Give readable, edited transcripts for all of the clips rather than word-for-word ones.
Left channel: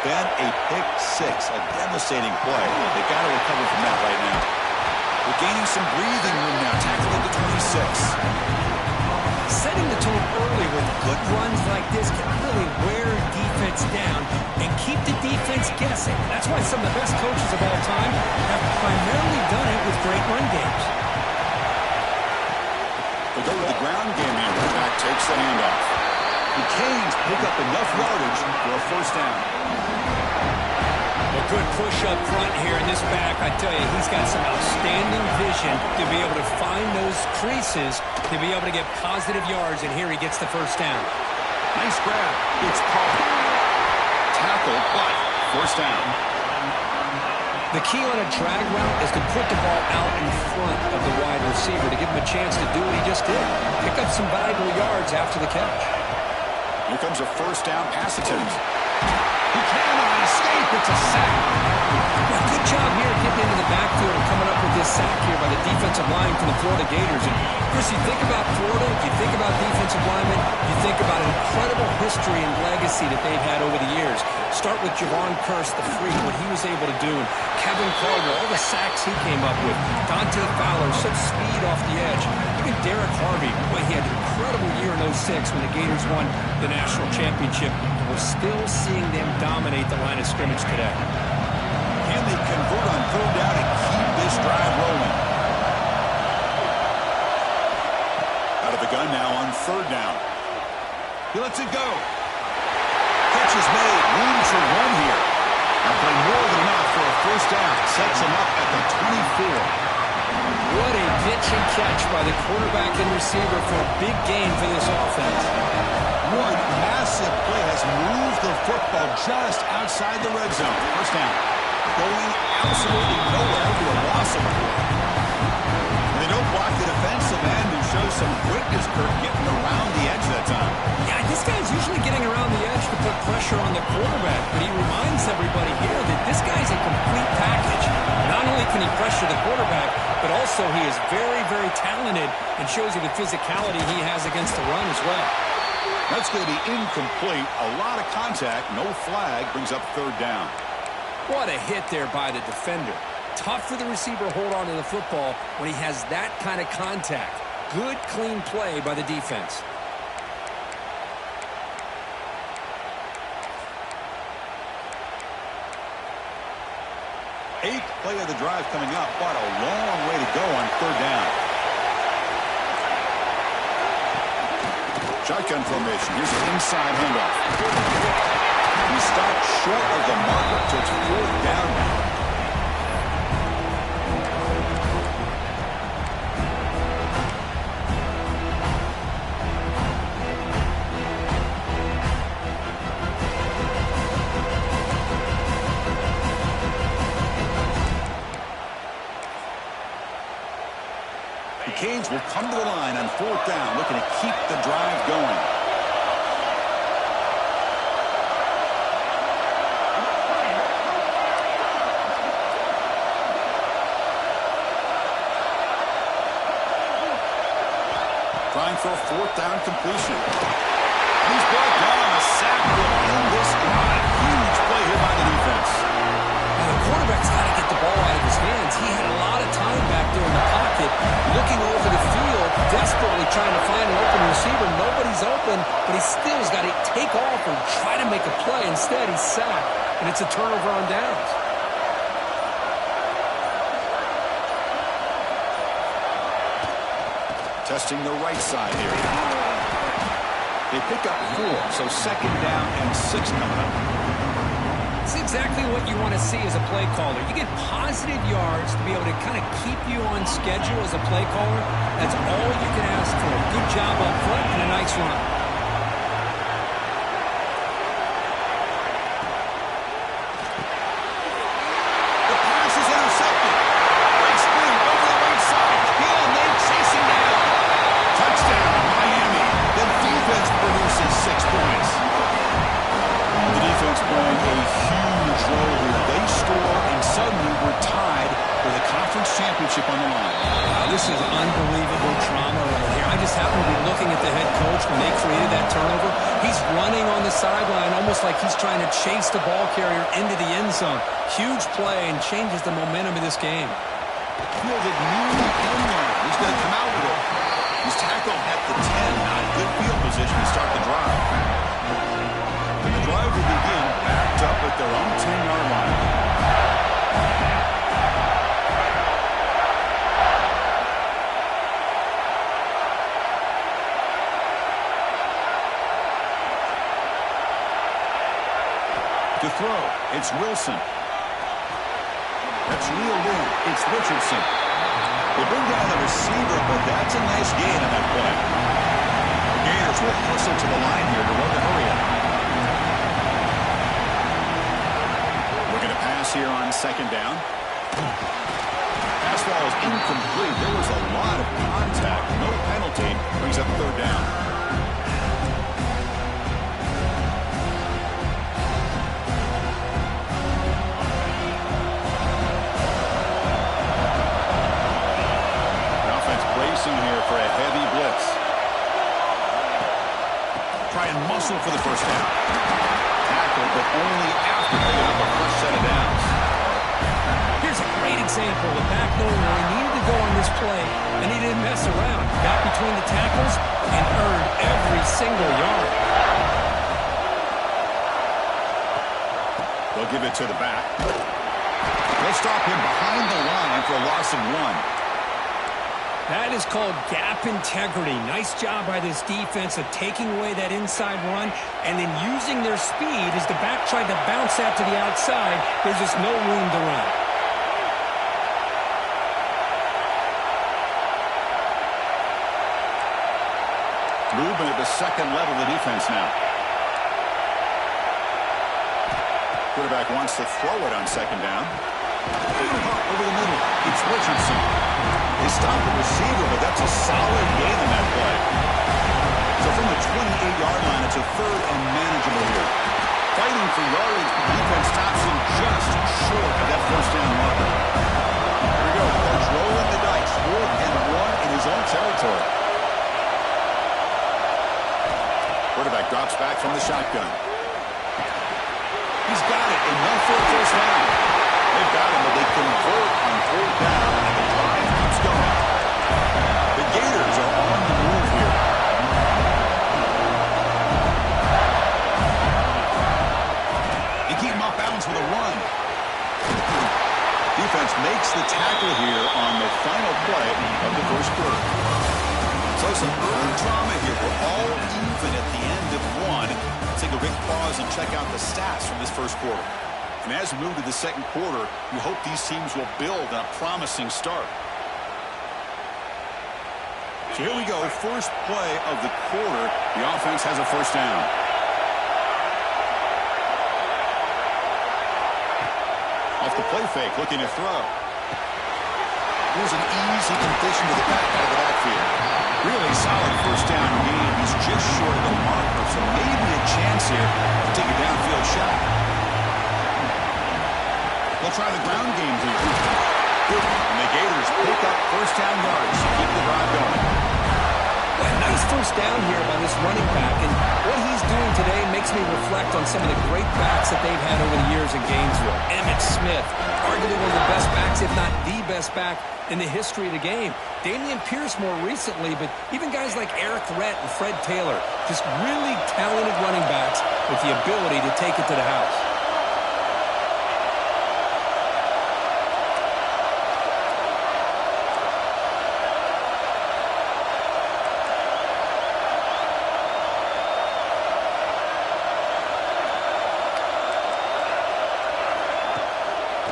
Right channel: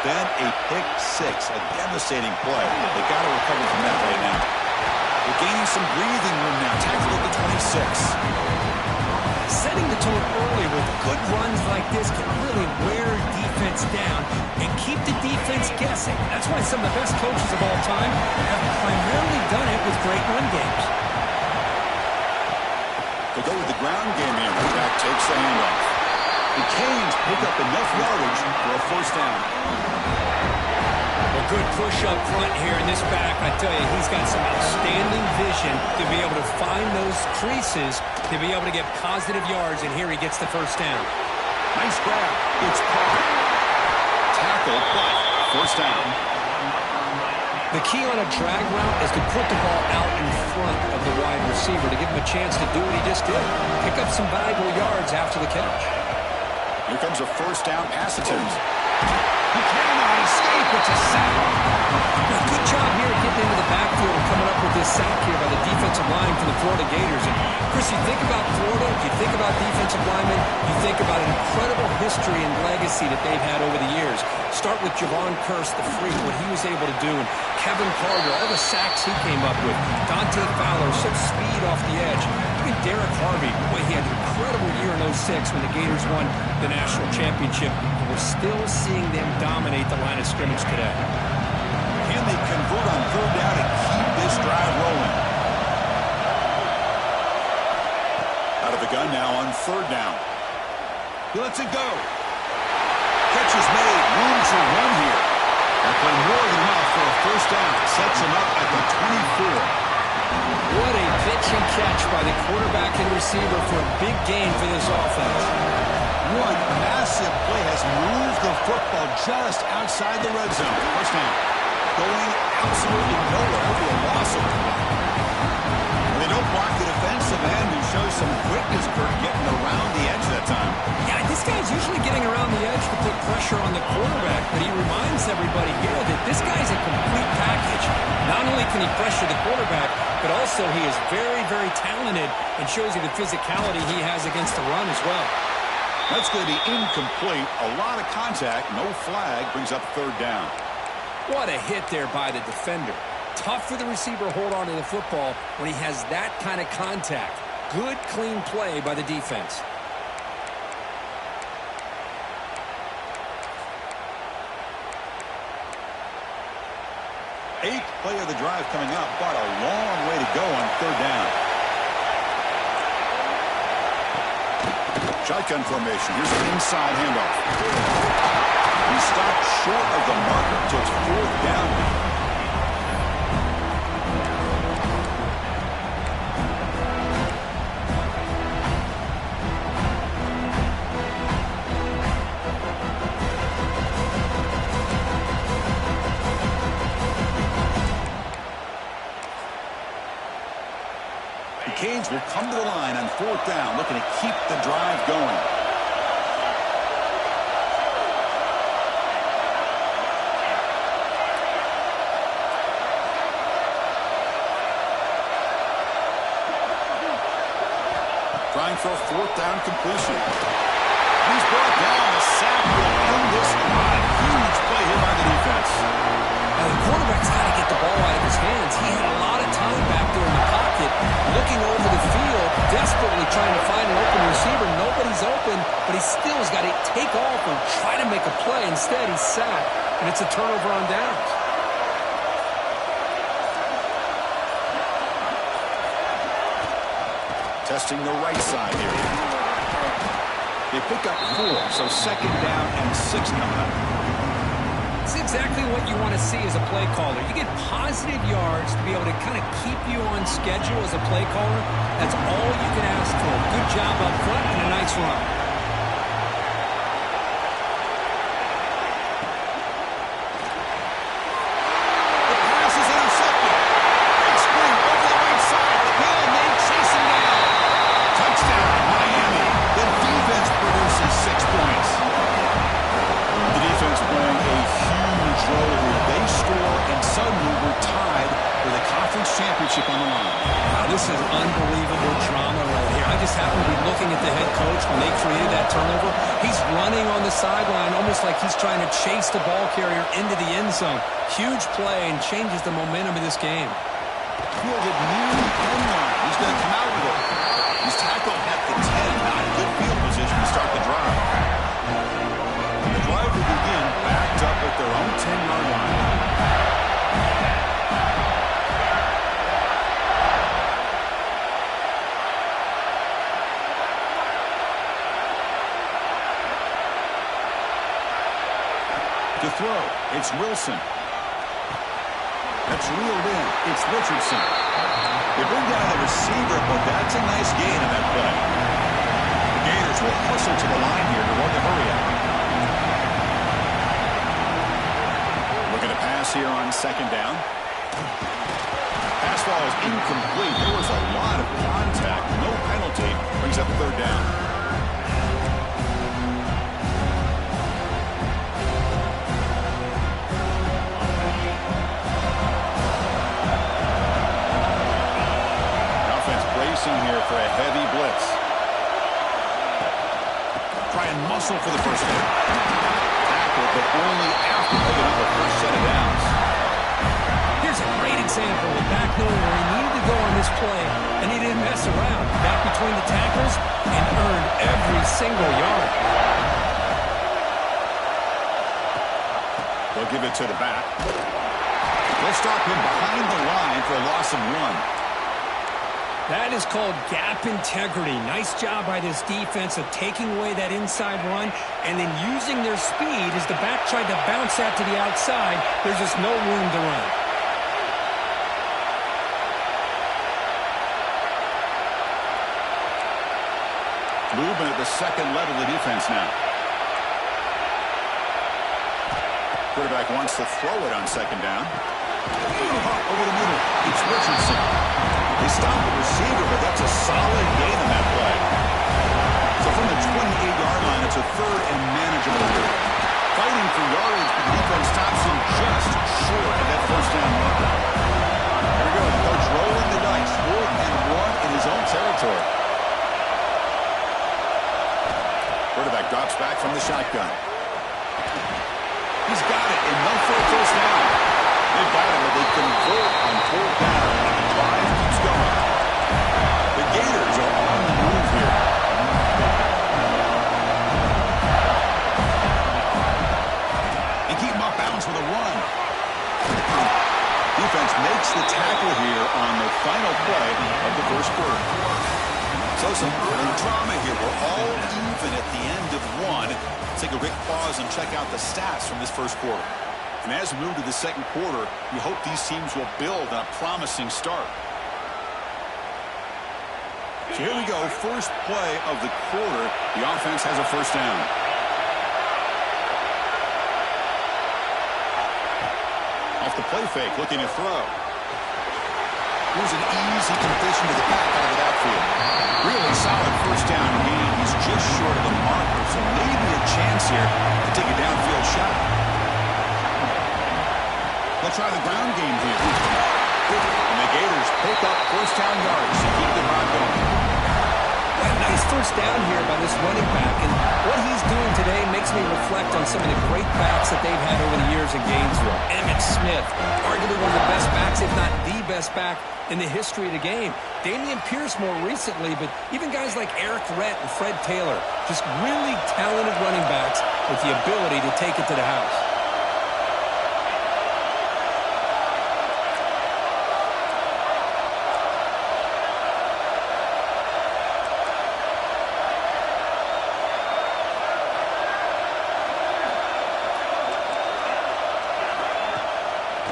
prevent a pick six, a devastating play. They got to recover from that right now. They're gaining some breathing room now. Tackle at the 26. Setting the tone early with good runs like this can really wear defense down and keep the defense guessing. That's why some of the best coaches of all time have primarily done it with great run games. They go with the ground game here. Running back takes the handoff. The Canes pick up enough yardage for a first down. A good push up front here in this back. I tell you, he's got some outstanding vision to be able to find those creases, to be able to get positive yards, and here he gets the first down. Nice grab. It's caught. Tackle, but first down. The key on a drag route is to put the ball out in front of the wide receiver to give him a chance to do what he just did. Pick up some valuable yards after the catch. Here comes a first down pass attempt. He cannot escape. It's a sack. Well, good job here getting into the backfield and coming up with this sack here by the defensive line for the Florida Gators. And, Chris, you think about Florida, you think about defensive linemen, you think about an incredible history and legacy that they've had over the years. Start with Javon Kearse, the freak, what he was able to do, and Kevin Carter, all the sacks he came up with. Dante Fowler, such speed off the edge. Even Derek Harvey, boy, he had an incredible year in 06 when the Gators won the national championship. And we're still seeing them dominate the line of scrimmage today. Can they convert on third down and keep this drive rolling? Out of the gun now on third down. He lets it go. Catch is made. Room to run here. That play more than enough for a first down. Sets him up at the 24. What a pitch and catch by the quarterback and receiver for a big gain for this offense. One massive play has moved the football just outside the red zone. First down. Going absolutely nowhere for a loss of play. They don't block the defensive end and show some quickness, Kirk, getting around the edge that time. Yeah, this guy's usually getting around the edge to put pressure on the quarterback, but he reminds everybody here that this guy's a complete package. Not only can he pressure the quarterback, but also he is very, very talented and shows you the physicality he has against the run as well. That's going to be incomplete. A lot of contact. No flag. Brings up third down. What a hit there by the defender. Tough for the receiver to hold on to the football when he has that kind of contact. Good, clean play by the defense. Eighth play of the drive coming up, but a long way to go on third down. Shotgun formation. Here's an inside handoff. He stopped short of the marker, so it's fourth down now. The Canes will come to the line on fourth down, looking to keep the drive going. Trying for a fourth down completion. And he's brought down. A sack will end this drive. Huge play here by the defense. Now the quarterback's got to get the ball out of his hands. He had a lot of time back there in the pocket, looking over the field, desperately trying to find an open receiver. Nobody's open, but he still has got to take off and try to make a play. Instead, he's sacked, and it's a turnover on downs. Testing the right side here. They pick up 4, so second down and 6 coming up. It's exactly what you want to see as a play caller. You get positive yards to be able to kind of keep you on schedule as a play caller. That's all you can ask for. Good job up front and a nice run. The pass is intercepted. Great spring over the right side. Hill, they chase him down. Touchdown, Miami. The defense produces 6 points. The defense playing a huge role here. They score, and suddenly we're tied with a conference championship on the line. Wow, this is unbelievable drama right here. I just happen to be looking at the head coach when they created that turnover. He's running on the sideline almost like he's trying to chase the ball carrier into the end zone. Huge play and changes the momentum of this game. Fielded near the end line. He's going to come out with it. He's tackled at the 10. Not a good field position to start the drive. And the drive will begin backed up at their own 10-yard line. To throw, it's Wilson. That's reeled in. It's Richardson. They bring down the receiver, but that's a nice gain on that play. The Gators will hustle to the line here to run the hurry-up. Looking to pass here on second down. Pass ball is incomplete. There was a lot of contact. No penalty. Brings up third down. Bracing here for a heavy blitz. Try and muscle for the first down. Tackle, but only after picking up a fresh set of downs. Here's a great example of back knowing where he needed to go on this play, and he didn't mess around. Got between the tackles and earned every single yard. They'll give it to the back. They'll stop him behind the line for a loss of 1. That is called gap integrity. Nice job by this defense of taking away that inside run and then using their speed as the back tried to bounce that to the outside. There's just no room to run. Movement at the second level of the defense now. Quarterback wants to throw it on second down. Over the middle. It's Richardson. They stop the receiver, but that's a solid gain on that play. So from the 28-yard line, it's a third and manageable here. Fighting for yardage, but the defense stops him just short of that first down marker. Here we go. The coach rolling the dice. 4th and 1 in his own territory. Quarterback drops back from the shotgun. He's got it. Enough for a first down. They've got him, but they convert on 4th down, and the drive keeps going. The Gators are on the move here. They keep him off balance with a run. Defense makes the tackle here on the final play of the first quarter. So some early drama here. We're all even at the end of 1. Let's take a quick pause and check out the stats from this first quarter. And as we move to the second quarter, we hope these teams will build on a promising start. So here we go. First play of the quarter. The offense has a first down. Off the play fake, looking to throw. Here's an easy completion to the back out of the backfield. Really solid first down gain. He's just short of the marker, so maybe a chance here to take a downfield shot. They'll try the ground game here. And the Gators pick up first down yards to keep the drive going. Well, nice first down here by this running back. And what he's doing today makes me reflect on some of the great backs that they've had over the years in Gainesville. Emmitt Smith, arguably one of the best backs, if not the best back in the history of the game. Dameon Pierce more recently, but even guys like Eric Rhett and Fred Taylor, just really talented running backs with the ability to take it to the house.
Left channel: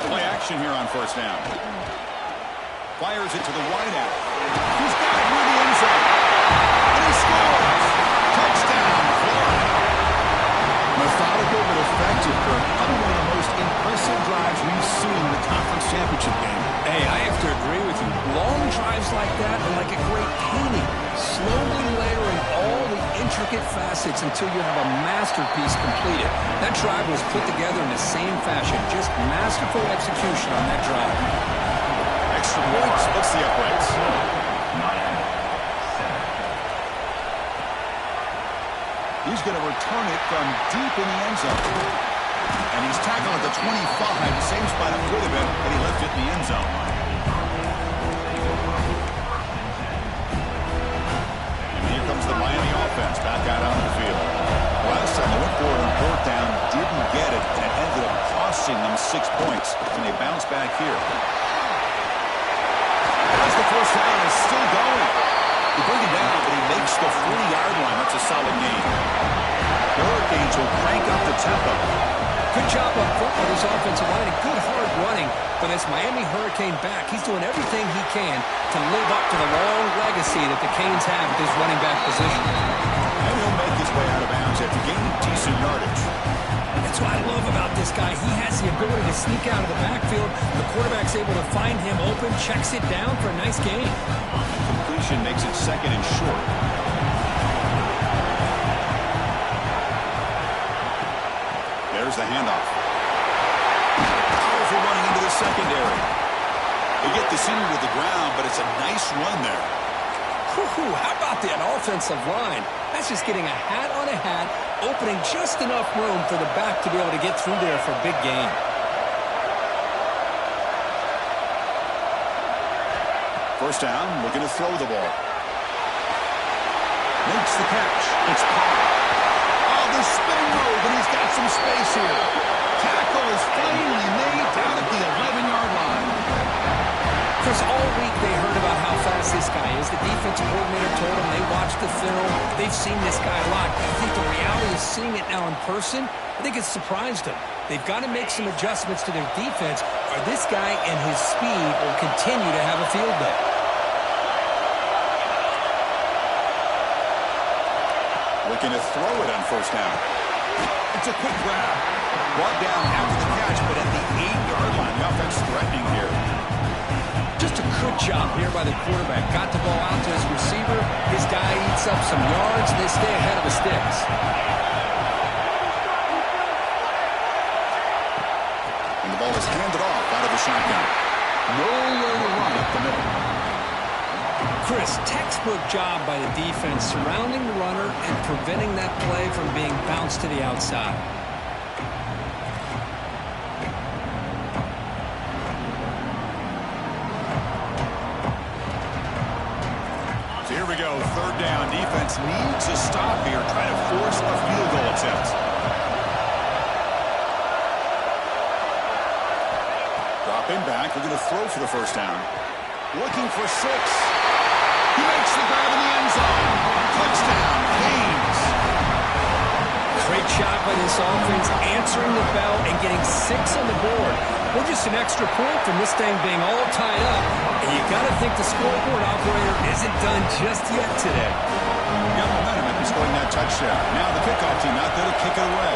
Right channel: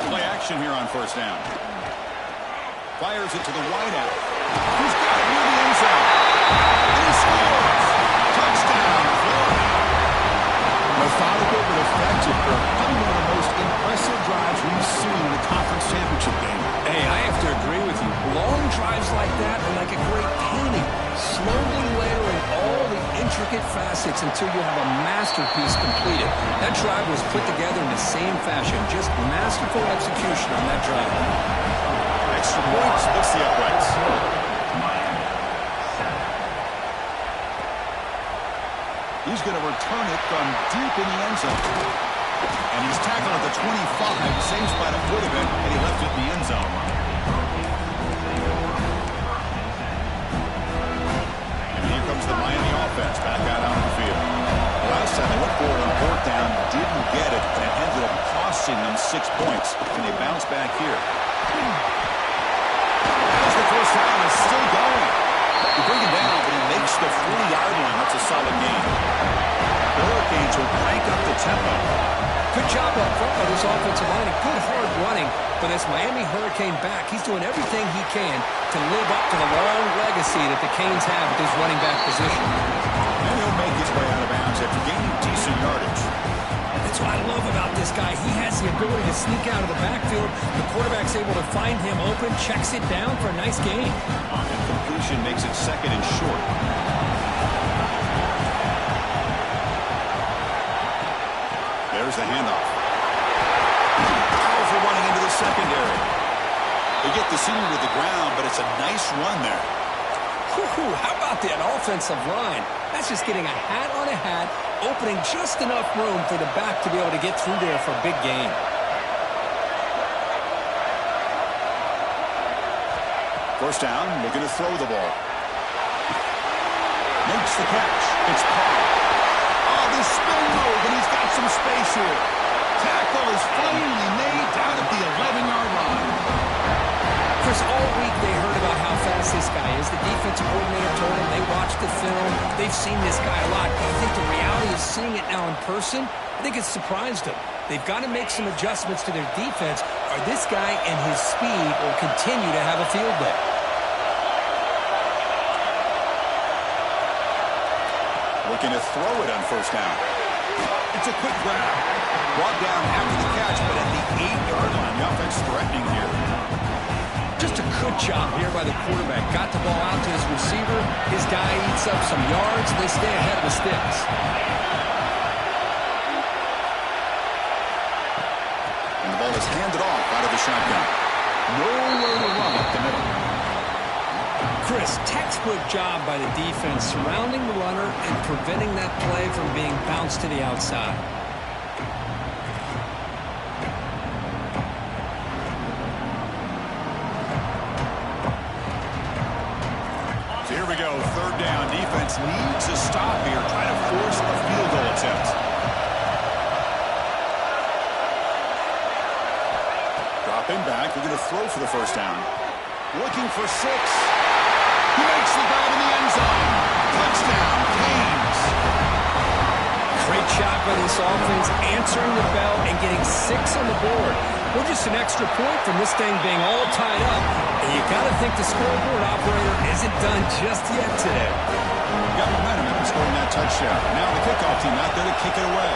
Play action here on first down. Fires it to the wideout. He's got it near the end zone. And he scores. Touchdown, Florida. Methodical but effective, Kirk. Probably one of the most impressive drives we've seen in a conference championship game. Hey, I have to agree with you. Long drives like that are like a great painting. Slowly layering all the intricate facets until you have a masterpiece completed. That drive was put together in the same fashion. Just masterful execution on that drive. Extra point splits the uprights. He's going to return it from deep in the end zone. And he's tackled at the 25, same spot it would have been, and he left it in the end zone. And here comes the Miami offense back out onto the field. Last time they went for it on fourth down, didn't get it, and it ended up costing them 6 points. And they bounce back here. As the first down is still going. They bring it down, but he makes the 40-yard line. That's a solid gain. The Hurricanes will crank up the tempo. Good job up front by this offensive line and good hard running for this Miami Hurricane back. He's doing everything he can to live up to the long legacy that the Canes have at this running back position. And he'll make his way out of bounds after gaining decent yardage. That's what I love about this guy. He has the ability to sneak out of the backfield. The quarterback's able to find him open, checks it down for a nice gain. And completion makes it second and short. There's the handoff. Powerful running into the secondary. They get the senior to the ground, but it's a nice run there. Whew, how about that offensive line? That's just getting a hat on a hat, opening just enough room for the back to be able to get through there for a big gain. First down, looking to throw the ball. Makes the catch. It's Carr. Oh, the spin move, and he's got some space here. Tackle is finally made down at the 11-yard line. Chris, all week they heard about how fast this guy is. The defensive coordinator told them they watched the film. They've seen this guy a lot. I think the reality is seeing it now in person, I think it's surprised them. They've got to make some adjustments to their defense, or this guy and his speed will continue to have a field day. Looking to throw it on first down. It's a quick grab. Brought down after the catch, but at the 8-yard line, the offense threatening here. Just a good job here by the quarterback. Got the ball out to his receiver. His guy eats up some yards, and they stay ahead of the sticks. And the ball is handed off out of the shotgun. Nowhere to run up the middle. Chris, textbook job by the defense surrounding the runner and preventing that play from being bounced to the outside. So here we go, third down. Defense needs a stop here, trying to force a field goal attempt. Dropping back, we're going to throw for the first down. Looking for 6. He makes the grab in the end zone. Touchdown, Canes. Great job by this offense, answering the bell and getting 6 on the board. We're just an extra point from this thing being all tied up. And you got to think the scoreboard operator isn't done just yet today. Got momentum after scoring that touchdown. Now the kickoff team out there to kick it away.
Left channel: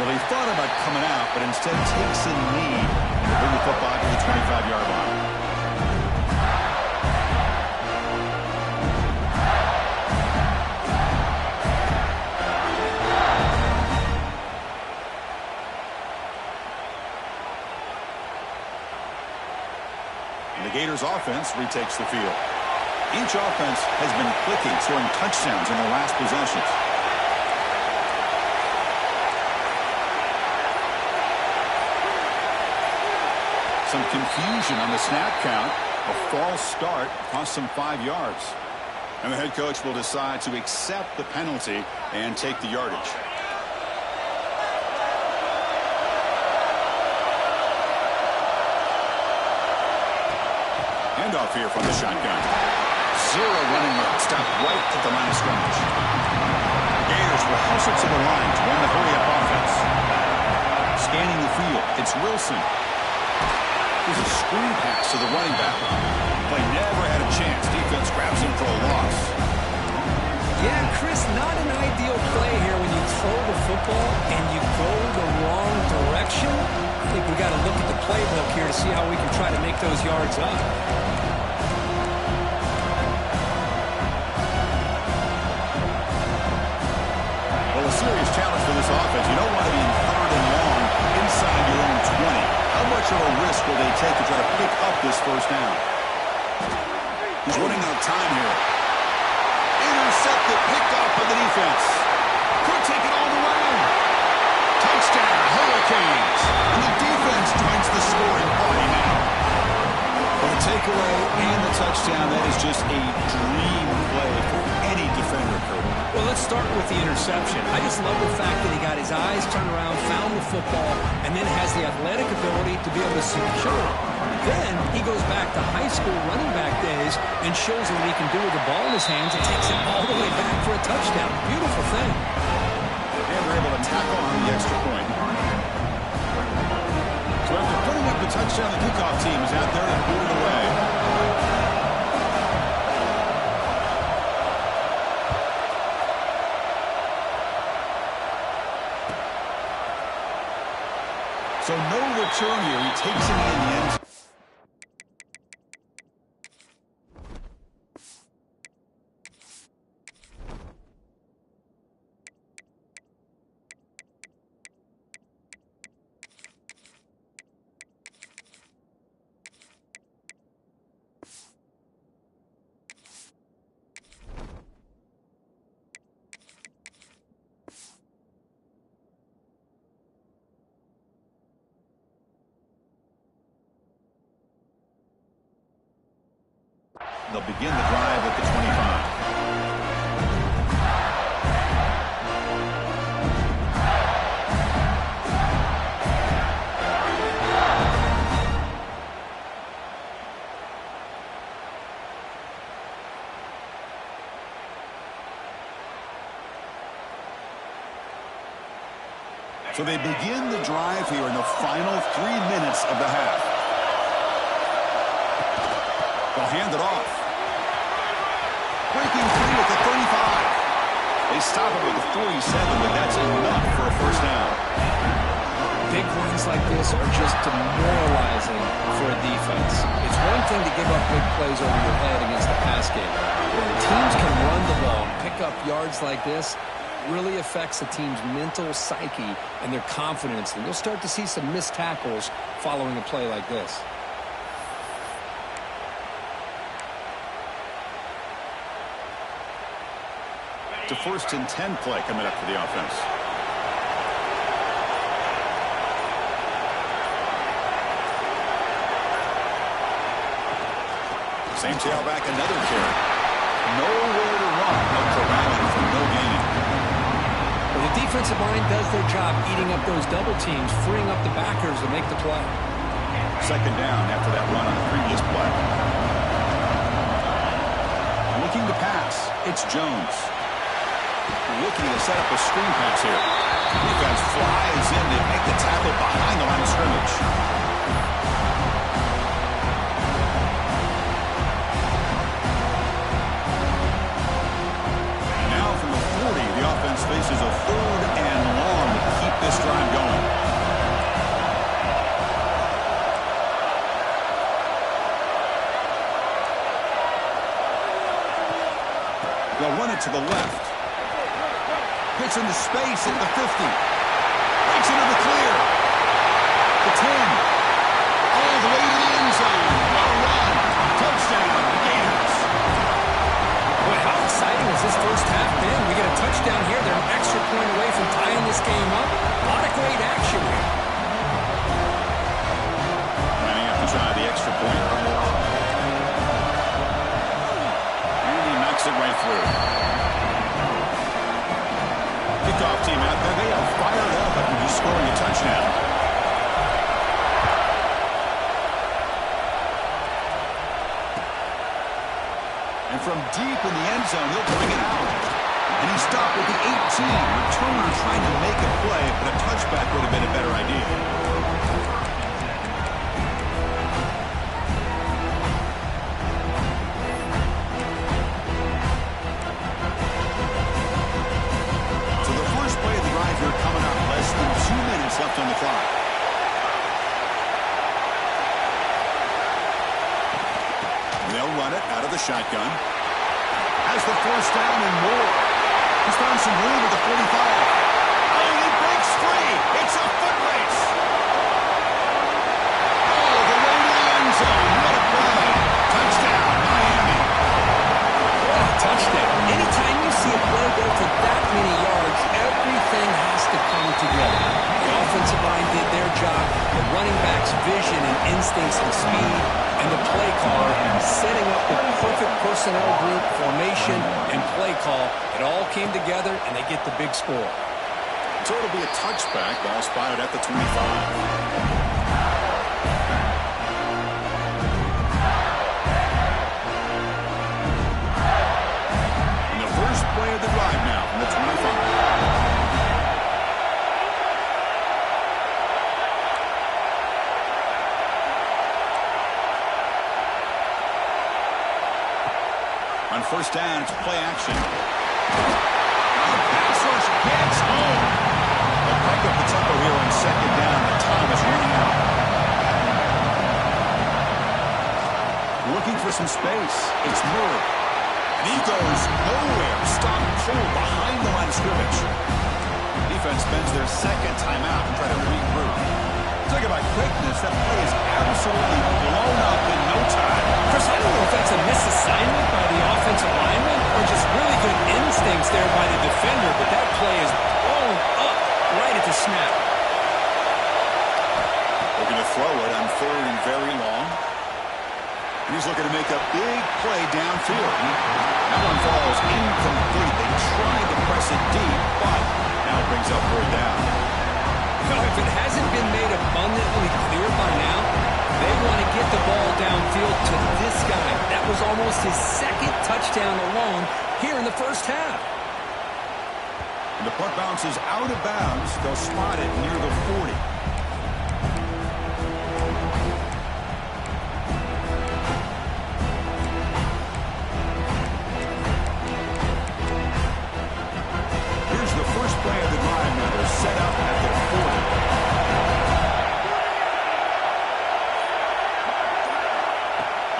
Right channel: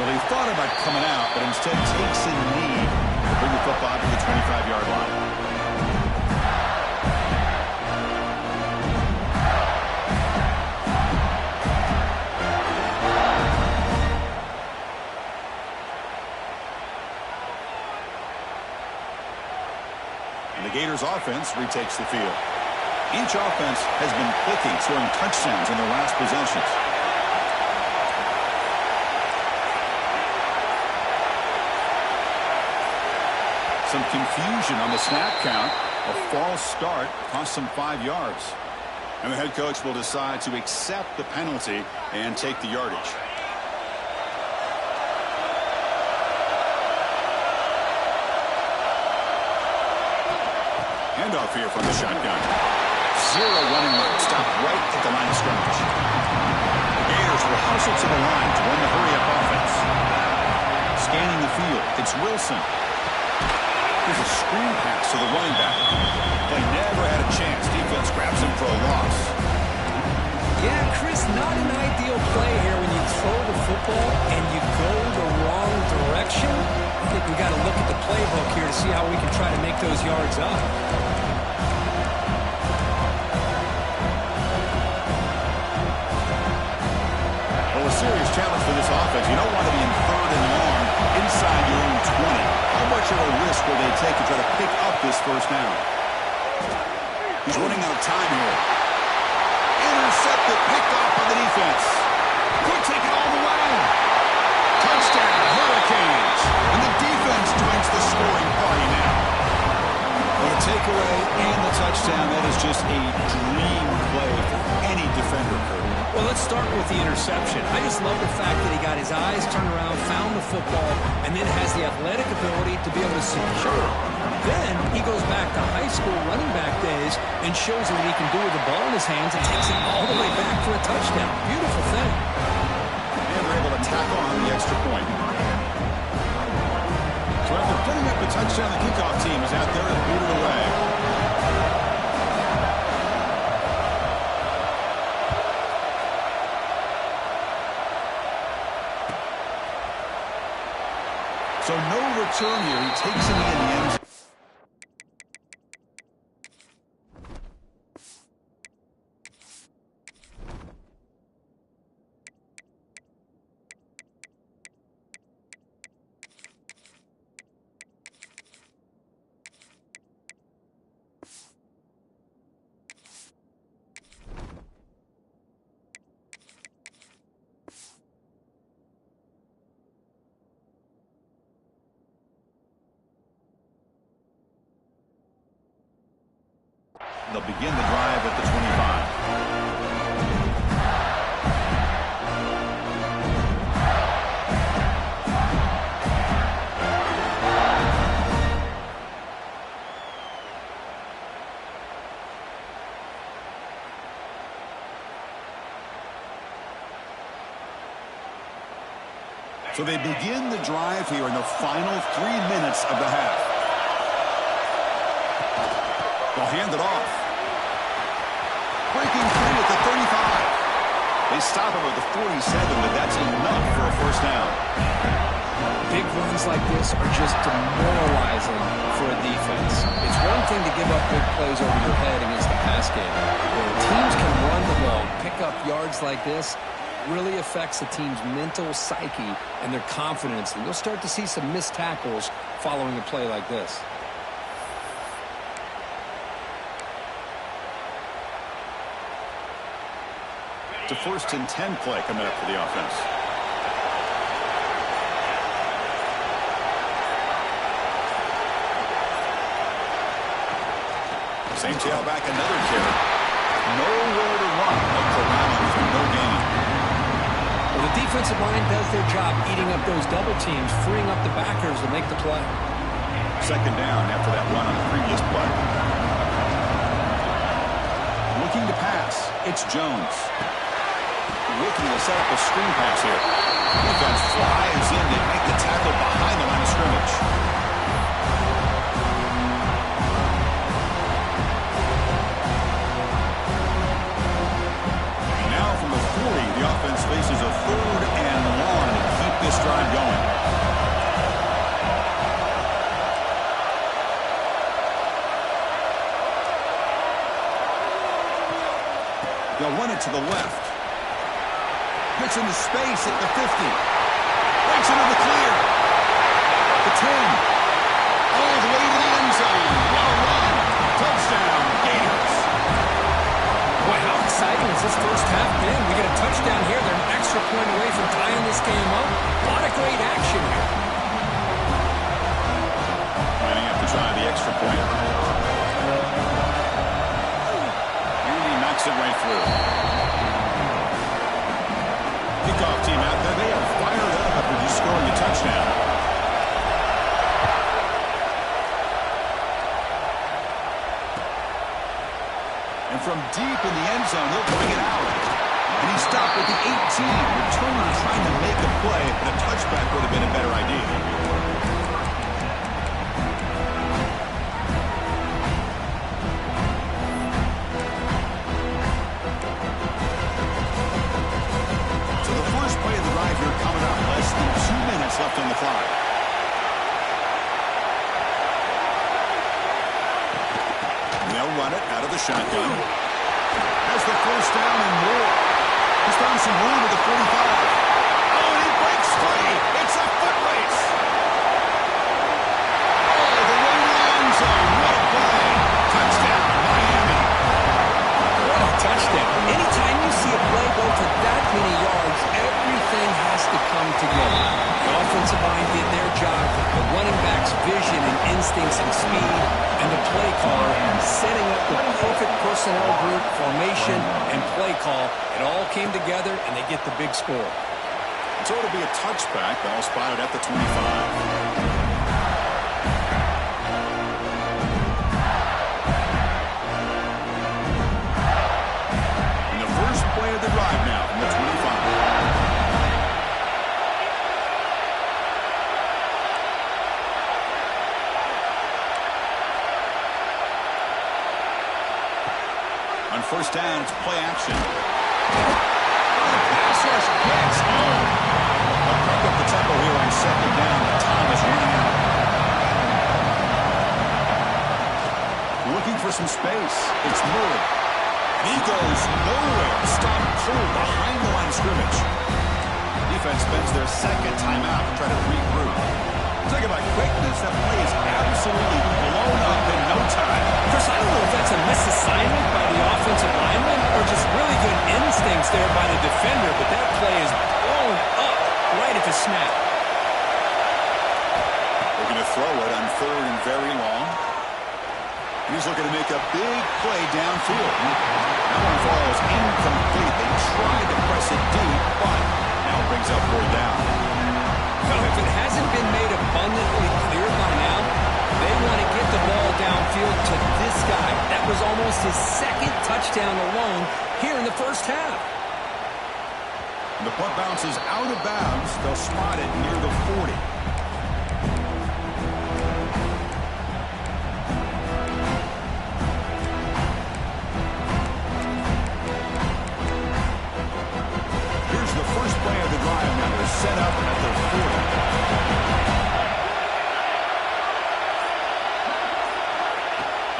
Well, he thought about coming out, but instead takes a knee to bring the football to the 25-yard line. And the Gators offense retakes the field. Each offense has been clicking, scoring touchdowns in their last possessions. Some confusion on the snap count. A false start cost them 5 yards. And the head coach will decide to accept the penalty and take the yardage. Handoff here from the shotgun. 0 running room. Stop right at the line of scrimmage. The Gators will hustle to the line to win the hurry-up offense. Scanning the field. It's Wilson. Here's a screen pass to the running back. Play never had a chance. Defense grabs him for a loss. Yeah, Chris, not an ideal play here when you throw the football and you go the wrong direction. I think we got to look at the playbook here to see how we can try to make those yards up. Well, Well, a serious challenge for this offense. You don't want to be in 3rd and long inside your own 20. How much of a risk will they take to try to pick up this first down? He's running out of time here. Intercepted, picked off by the defense. Could take it all the way. Touchdown, Hurricanes. And the defense joins the scoring party now. Well, the takeaway and the touchdown, that is just a dream play for any defender, Kurt. Well, let's start with the interception. I just love the fact that he got his eyes turned around, found the football, and then has the athletic ability to be able to secure it. Then he goes back to high school running back days and shows him what he can do with the ball in his hands and takes it all the way back for a touchdown. Beautiful thing. And they're able to tack on the extra point. So after putting up the touchdown, the kickoff team is out there to boot it away. So no return here. He takes it in the end zone. They'll begin the drive at the 25. So they begin the drive here in the final 3 minutes of the half. They'll hand it off. Breaking free at the 35. They stop him at the 47, but that's enough for a first down. Big runs like this are just demoralizing for a defense. It's one thing to give up big plays over your head against the pass game. When teams can run the ball, pick up yards like this, really affects the team's mental psyche and their confidence. And you'll start to see some missed tackles following a play like this. It's a 1st and 10 play coming up for the offense. Same tailback, another carry. Nowhere to run, but corralling for no gain. Well, the defensive line does their job eating up those double teams, freeing up the backers to make the play. 2nd down after that run on the previous play. Looking to pass, it's Jones. Looking to set up a screen pass here. Defense flies in to make the tackle behind the line of scrimmage. Now from the 40, the offense faces a 3rd and long to keep this drive going. They'll run it to the left. Gets into space at the 50. Breaks into the clear. The 10. All the way to the end zone. What a run. Touchdown, Gators. Boy, how exciting has this first half been? We get a touchdown here. They're an extra point away from tying this game up. A lot of great action here. Lining up to try the extra point. And he knocks it right through. Kickoff team out there, they are fired up after just scoring a touchdown. And from deep in the end zone, he'll bring it out. And he stopped at the 18. Returner trying to make a play, but a touchback would have been a better idea. Here coming up, less than 2 minutes left on the clock. They'll run it out of the shotgun. Has the first down and more. He's found some room at the 45. breaks free. It's a foot race. All the way to the end zone. What a play. Touchdown, Miami. What a touchdown. Anytime you see a play go for that many yards, everything has to come together. The offensive line did their job, the running back's vision and instincts and speed, and the play caller setting up the perfect personnel group, formation, and play call. It all came together, and they get the big score. So it'll be a touchback. Ball spotted at the 25. First play of the drive now from the 25. On first down, it's play action. The pass rush gets home. They'll crank up the tempo here on second down. The time is running out. Looking for some space. It's Murray. And he goes nowhere. Stopped cold behind the line of scrimmage. Defense spends their second timeout to try to regroup. Talk about quickness. That play is absolutely blown up in no time. Chris, I don't know if that's a misassignment by the offensive lineman or just really good instincts there by the defender, but that play is blown up right at the snap. Looking to throw it on third and very long. And he's looking to make a big play downfield. That one falls incomplete. They tried to press it deep, but now it brings up fourth down. Well, if it hasn't been made abundantly clear by now, they want to get the ball downfield to this guy. That was almost his second touchdown alone here in the first half. And the punt bounces out of bounds. They'll spot it near the 40. The first play of the drive now. They're set up at the 40.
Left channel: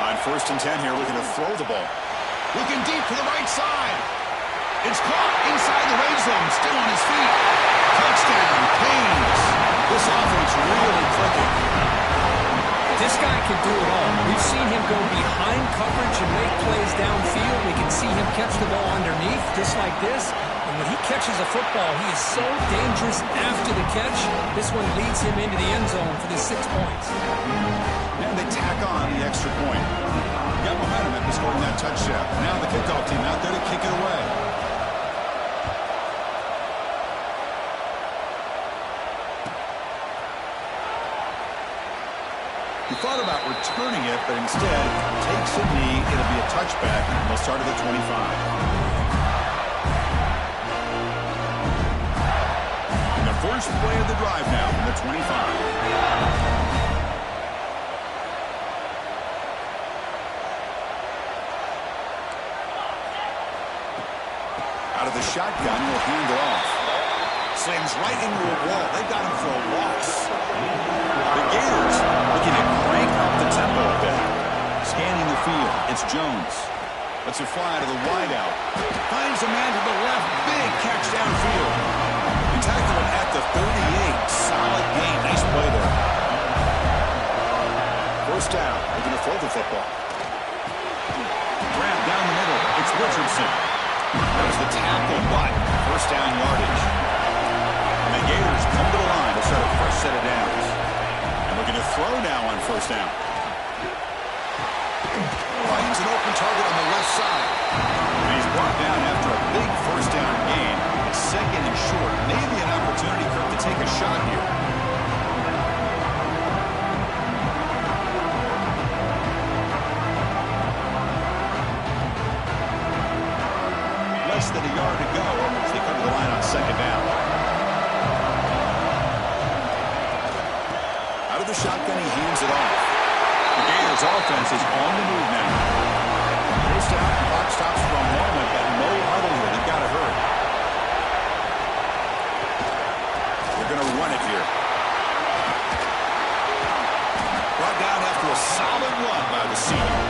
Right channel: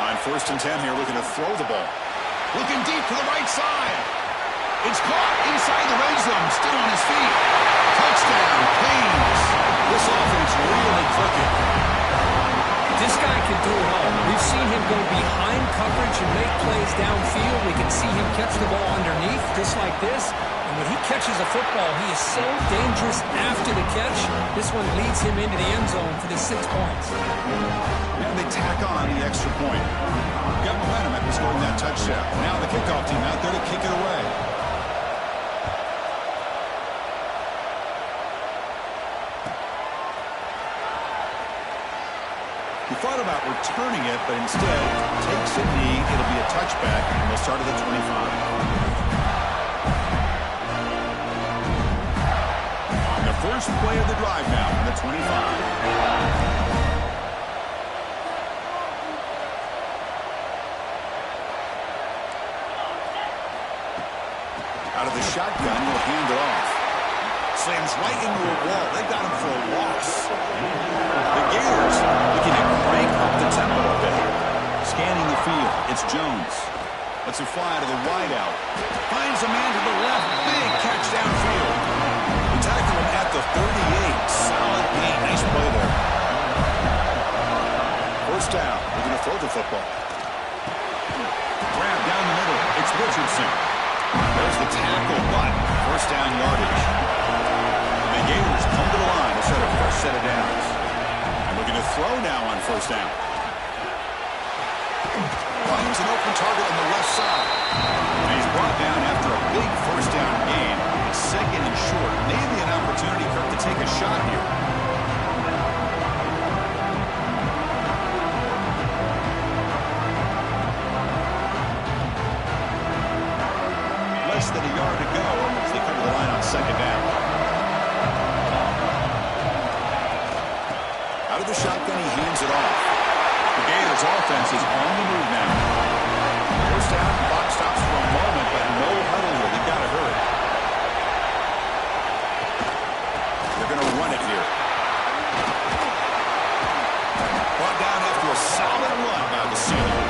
On first and 10 here, looking to throw the ball. Looking deep to the right side. It's caught inside the red zone. Still on his feet. Touchdown, Canes. This offense really clicking. This guy can do it all. We've seen him go behind coverage and make plays downfield. We can see him catch the ball underneath just like this. And when he catches a football, he is so dangerous after the catch. This one leads him into the end zone for the 6 points. And they tack on the extra point. Got momentum after scoring that touchdown. Now the kickoff team out there to kick it away. He thought about returning it, but instead takes a knee. It'll be a touchback, and they'll start at the 25. First play of the drive now from the 25. Out of the shotgun, he'll hand it off. Slams right into a wall. They got him for a loss. The Gators looking to crank up the tempo a bit. Scanning the field, it's Jones. Lets it fly to the wideout. Finds a man to the left. Big catch downfield. Tackle him at the 38. Solid gain. Nice play there. First down. They're going to throw the football. Grab down the middle. It's Richardson. There's the tackle, but first down yardage. And the Gators come to the line to set a fresh set of downs. And looking to throw now on first down. Finds an open target on the left side. And he's brought down after a big first down gain. It's second and short. Maybe an opportunity, Kirk, to take a shot here. Less than a yard to go as they come to the line on second down. Out of the shotgun, he hands it off. The Gators offense is on the move now. First down, clock stops for a moment, but no huddle here. They've got to hurry. They're going to run it here. Brought down after a solid run by the senior.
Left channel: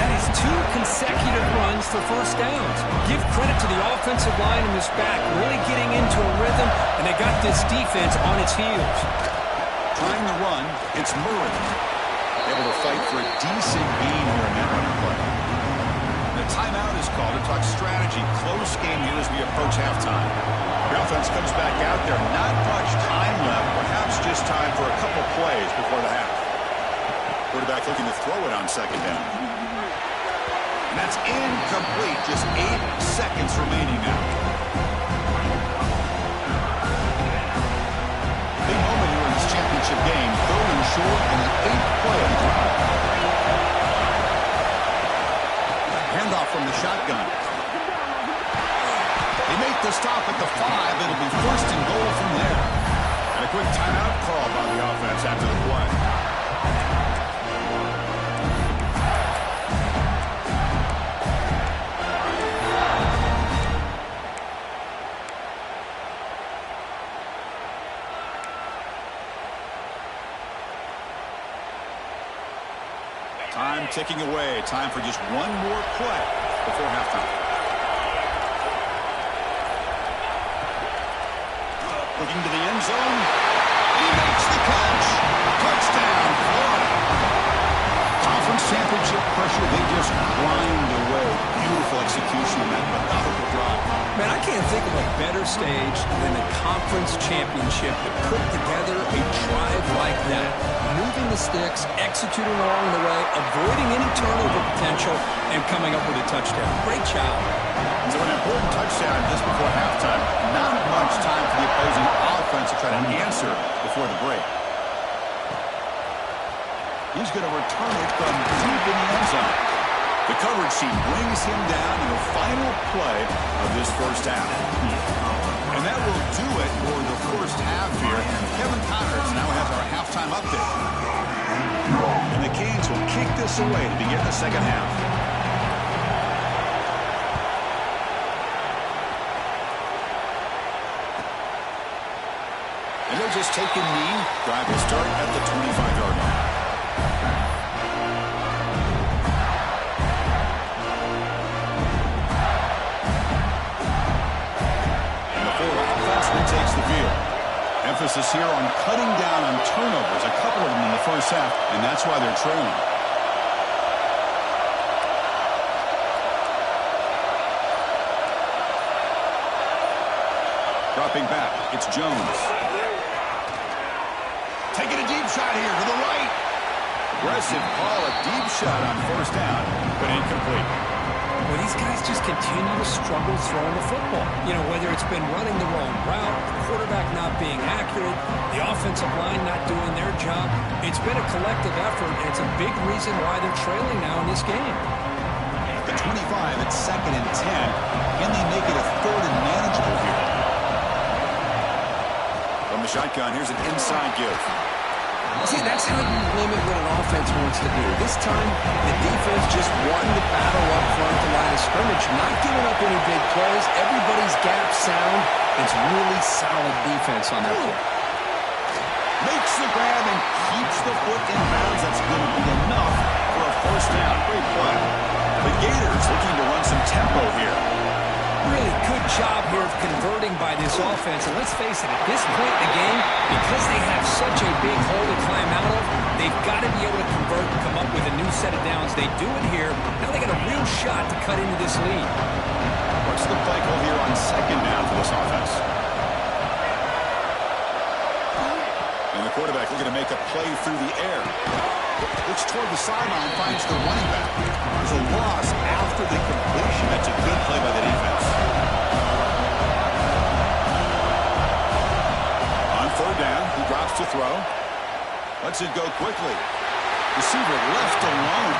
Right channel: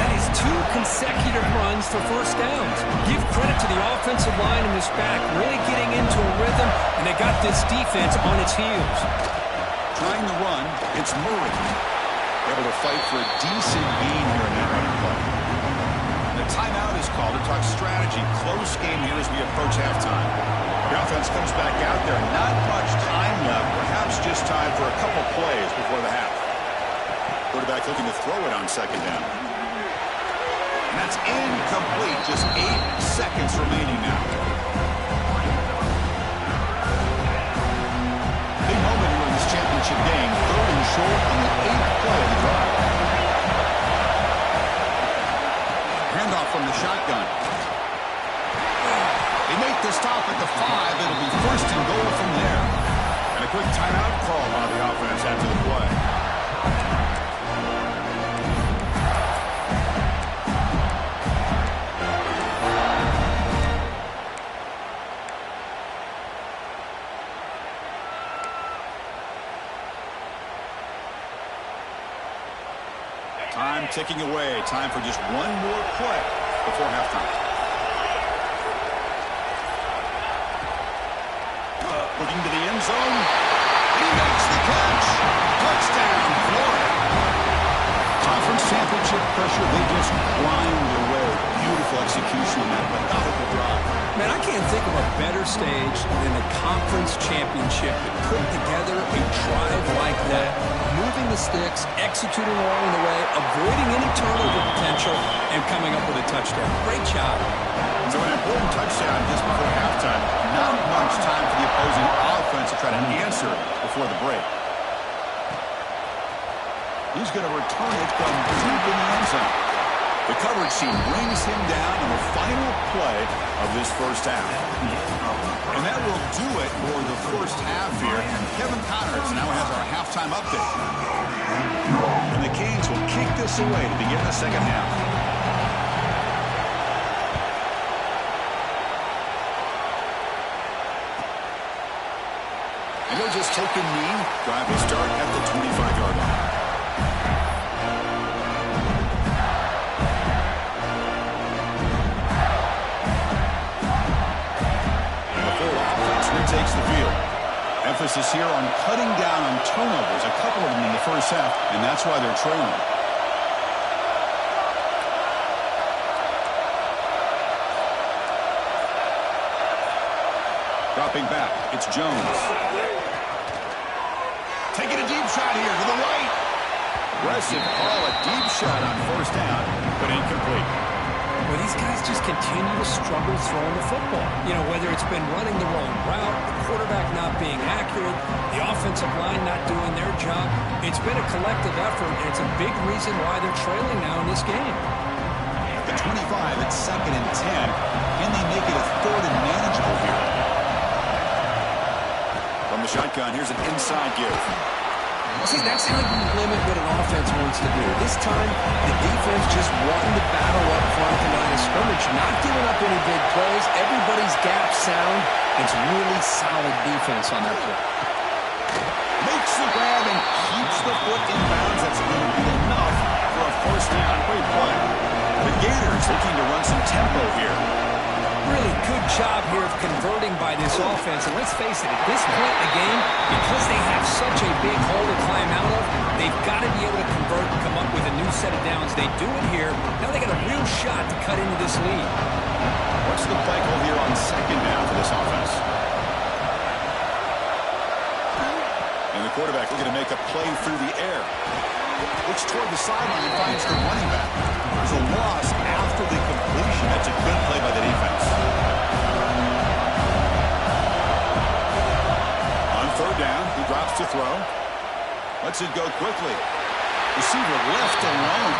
That is 2 consecutive runs runs for first downs. Give credit to the offensive line in this back, really getting into a rhythm, and they got this defense on its heels. Trying the run, it's Murray. Able to fight for a decent gain here in that running play. The timeout is called to talk strategy. Close game here as we approach halftime. The offense comes back out there. Not much time left. Perhaps just time for a couple plays before the half. Quarterback looking to throw it on second down. And that's incomplete. Just 8 seconds remaining now. Big moment here in this championship game. 3rd and short on the 8th play of the drive. Handoff from the shotgun. They make the stop at the 5. It'll be 1st and goal from there. And a quick timeout call by the offense after the play. Time ticking away. Time for just one more play before halftime. Looking to the end zone. And he makes the catch. Touchdown, Florida. Conference championship pressure. They just grind away. Beautiful execution on that methodical drive. Man, I can't think of a better stage than the conference championship to put together a drive like that. Moving the sticks, executing along the way, avoiding any turnover potential, and coming up with a touchdown. Great job. So an important touchdown just before halftime. Not much time for the opposing offense to try to answer before the break. He's going to return it from deep in the end zone. The coverage team brings him down in the final play of this first half. And that will do it for the first half here. Kevin Connors now has our halftime update. And the Canes will kick this away to begin the second half. And they'll just take a knee. Drive will start at the 25-yard line. Takes the field. Emphasis here on cutting down on turnovers, a couple of them in the first half, and that's why they're trailing. Dropping back, it's Jones. Taking a deep shot here to the right. Aggressive call, a deep shot on first down, but incomplete. Well, these guys just continue to struggle throwing the football. You know, whether it's been running the wrong route, the quarterback not being accurate, the offensive line not doing their job. It's been a collective effort, and it's a big reason why they're trailing now in this game. At the 25, it's 2nd and 10. Can they make it a 3rd and manageable here? From the shotgun, here's an inside give. See, that's how you limit what an offense wants to do. This time, the defense just wanting to battle up front at the line of scrimmage, not giving up any big plays. Everybody's gap sound. It's really solid defense on that play. Makes the grab and keeps the foot in bounds. That's going to be enough for a first down. Great play. The Gators looking to run some tempo here. Really good job here of converting by this offense. And let's face it, at this point in the game, because they have such a big hole to climb out of, they've got to be able to convert and come up with a new set of downs. They do it here. Now they got a real shot to cut into this lead. What's the play call here on second down for this offense? And the quarterback looking to make a play through the air. Looks toward the sideline and finds the running back. There's a loss after the completion. That's a good play by the defense. On 3rd down, he drops to throw. Lets it go quickly. Receiver left alone.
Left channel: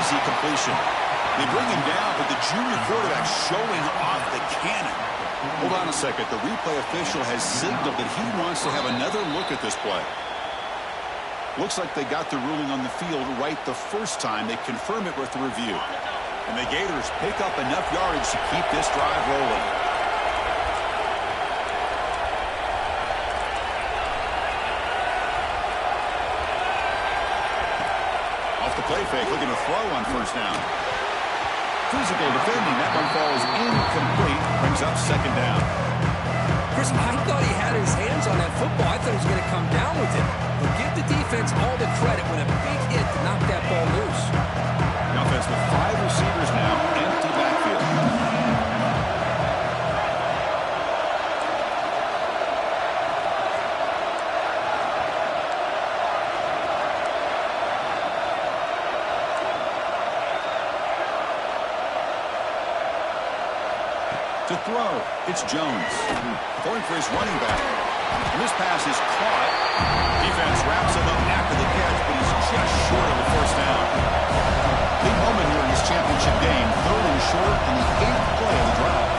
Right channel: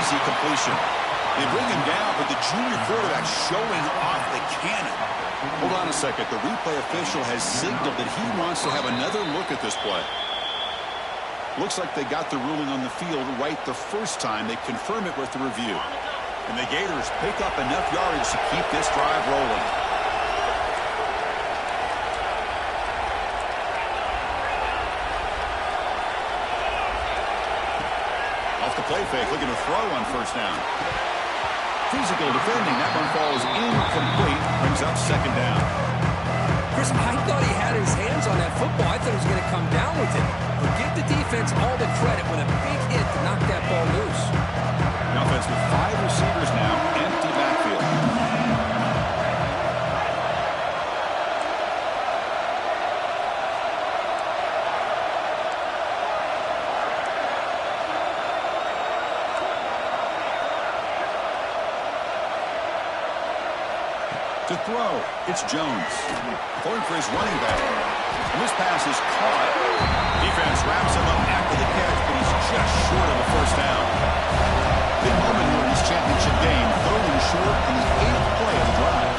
Easy completion. They bring him down, but the junior quarterback showing off the cannon. Hold on a second. The replay official has signaled that he wants to have another look at this play. Looks like they got the ruling on the field right the first time. They confirm it with the review. And the Gators pick up enough yardage to keep this drive rolling. Off the play fake, looking to throw on first down. Physical defending. That one falls incomplete. Brings up second down. Chris, I thought he had his hands on that football. I thought he was going to come down with it. But give the defense all the credit with a big hit to knock that ball loose. The offense with 5 receivers now. Empty backfield. To throw, it's Jones. Going for his running back. And this pass is caught. Defense wraps him up after the catch, but he's just short of the first down. Big moment here in this championship game. 3rd and short on the 8th play of the drive.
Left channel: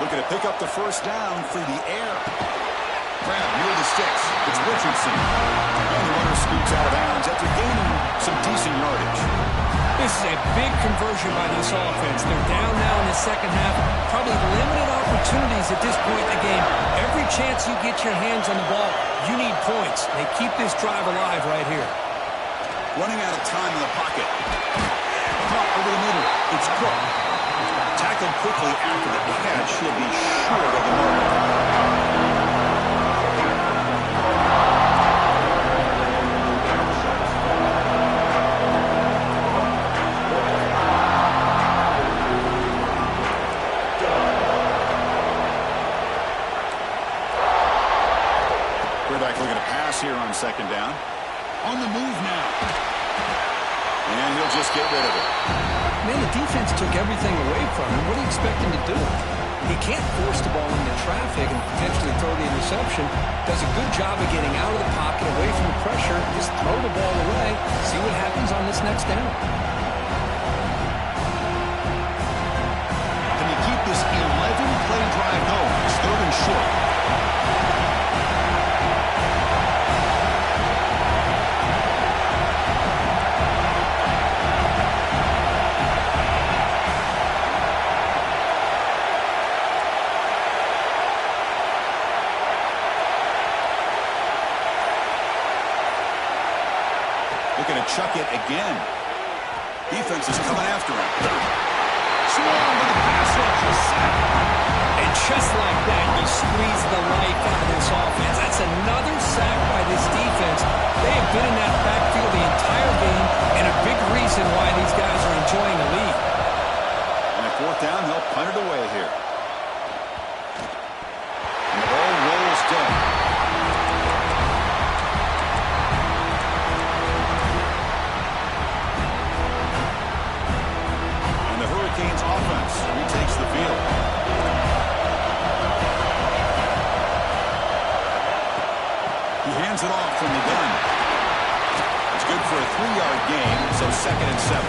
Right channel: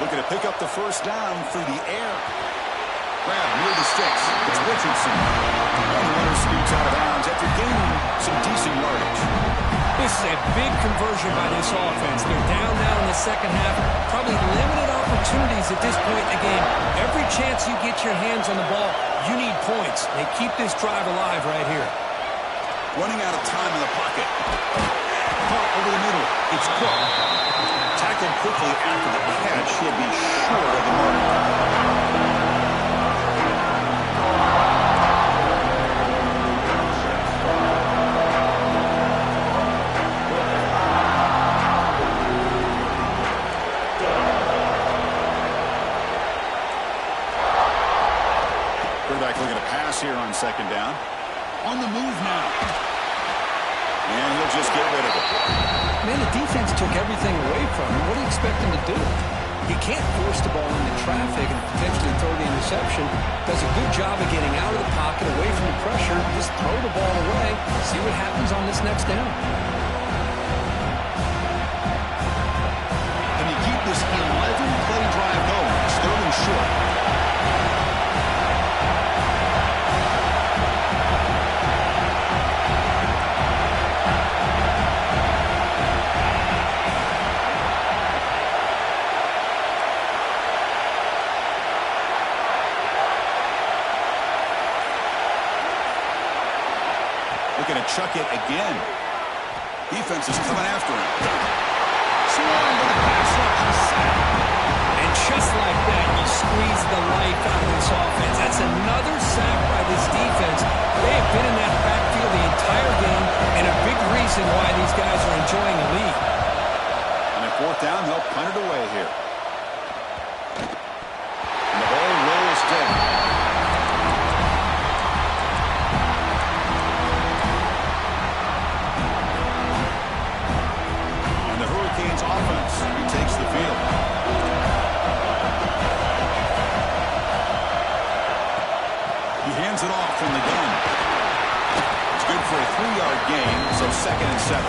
Looking to pick up the first down through the air. Grab near the sticks. It's Richardson. And the runner scoots out of bounds after gaining some decent yardage. This is a big conversion by this offense. They're down now in the second half. Probably limited opportunities at this point in the game. Every chance you get your hands on the ball, you need points. They keep this drive alive right here. Running out of time in the pocket. Caught over the middle. It's Cook. Tackled quickly after the catch. He'll be short of the mark. Quarterback looking to pass here on second down. On the move now. And he'll just get rid of it. Man, the defense took everything away from him. What do you expect him to do? He can't force the ball into traffic and potentially throw the interception. Does a good job of getting out of the pocket, away from the pressure. Just throw the ball away. See what happens on this next down. Can you keep this 11-play drive going? It's 3rd and short. Looking to chuck it again. Defense is coming after him. Swarm with the pass rush. A sack. And just like that, you squeeze the life out of this offense. That's another sack by this defense. They have been in that backfield the entire game, and a big reason why these guys are enjoying the lead. And at 4th down, they'll punt it away here. And the ball rolls dead. Hurricanes offense retakes the field. He hands it off from the gun. It's good for a 3-yard gain, so 2nd and 7.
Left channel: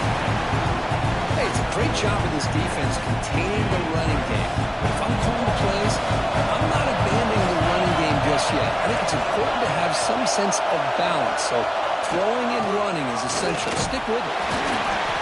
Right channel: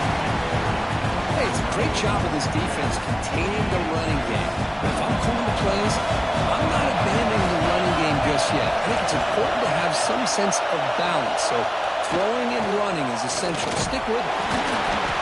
Hey, it's a great job of this defense containing the running game. But if I'm calling the plays, I'm not abandoning the running game just yet. I think it's important to have some sense of balance. So throwing and running is essential. Stick with it.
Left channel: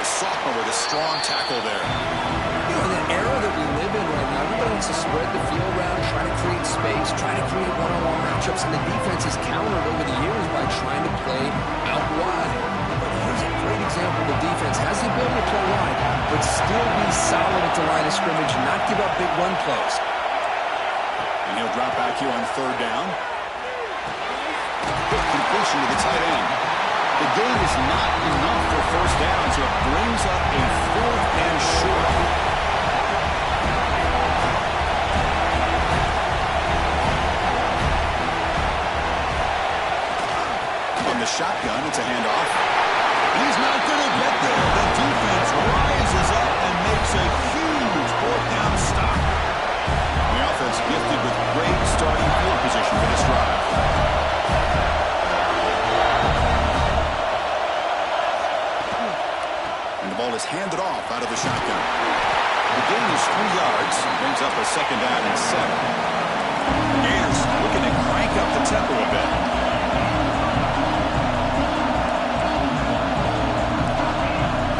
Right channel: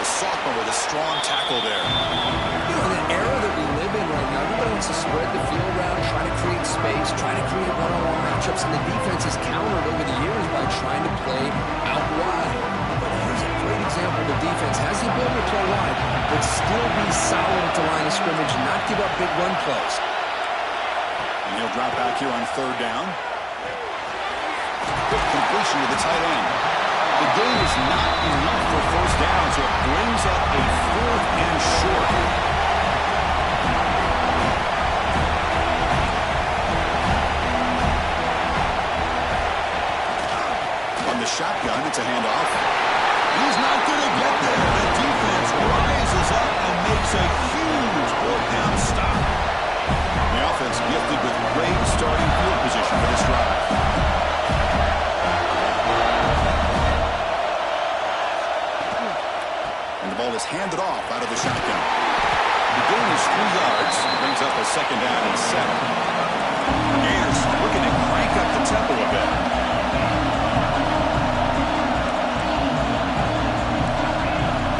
The sophomore with a strong tackle there. You know, in the era that we live in right now, everybody wants to spread the field around, try to create space, try to create one-on-one matchups, and the defense has countered over the years by trying to play out wide. But here's a great example. The defense has the ability to play wide, but still be solid at the line of scrimmage, not give up big run plays. And he'll drop back here on 3rd down. Quick completion to the tight end. The gain is not enough for first down, so it brings up a 4th and short. On the shotgun, it's a handoff. He's not going to get there. The defense rises up and makes a huge 4th down stop. The offense gifted with great starting field position for this drive. And the ball is handed off out of the shotgun. The gain is 3 yards. Brings up a 2nd down and 7. The Gators looking to crank up the tempo a bit. 2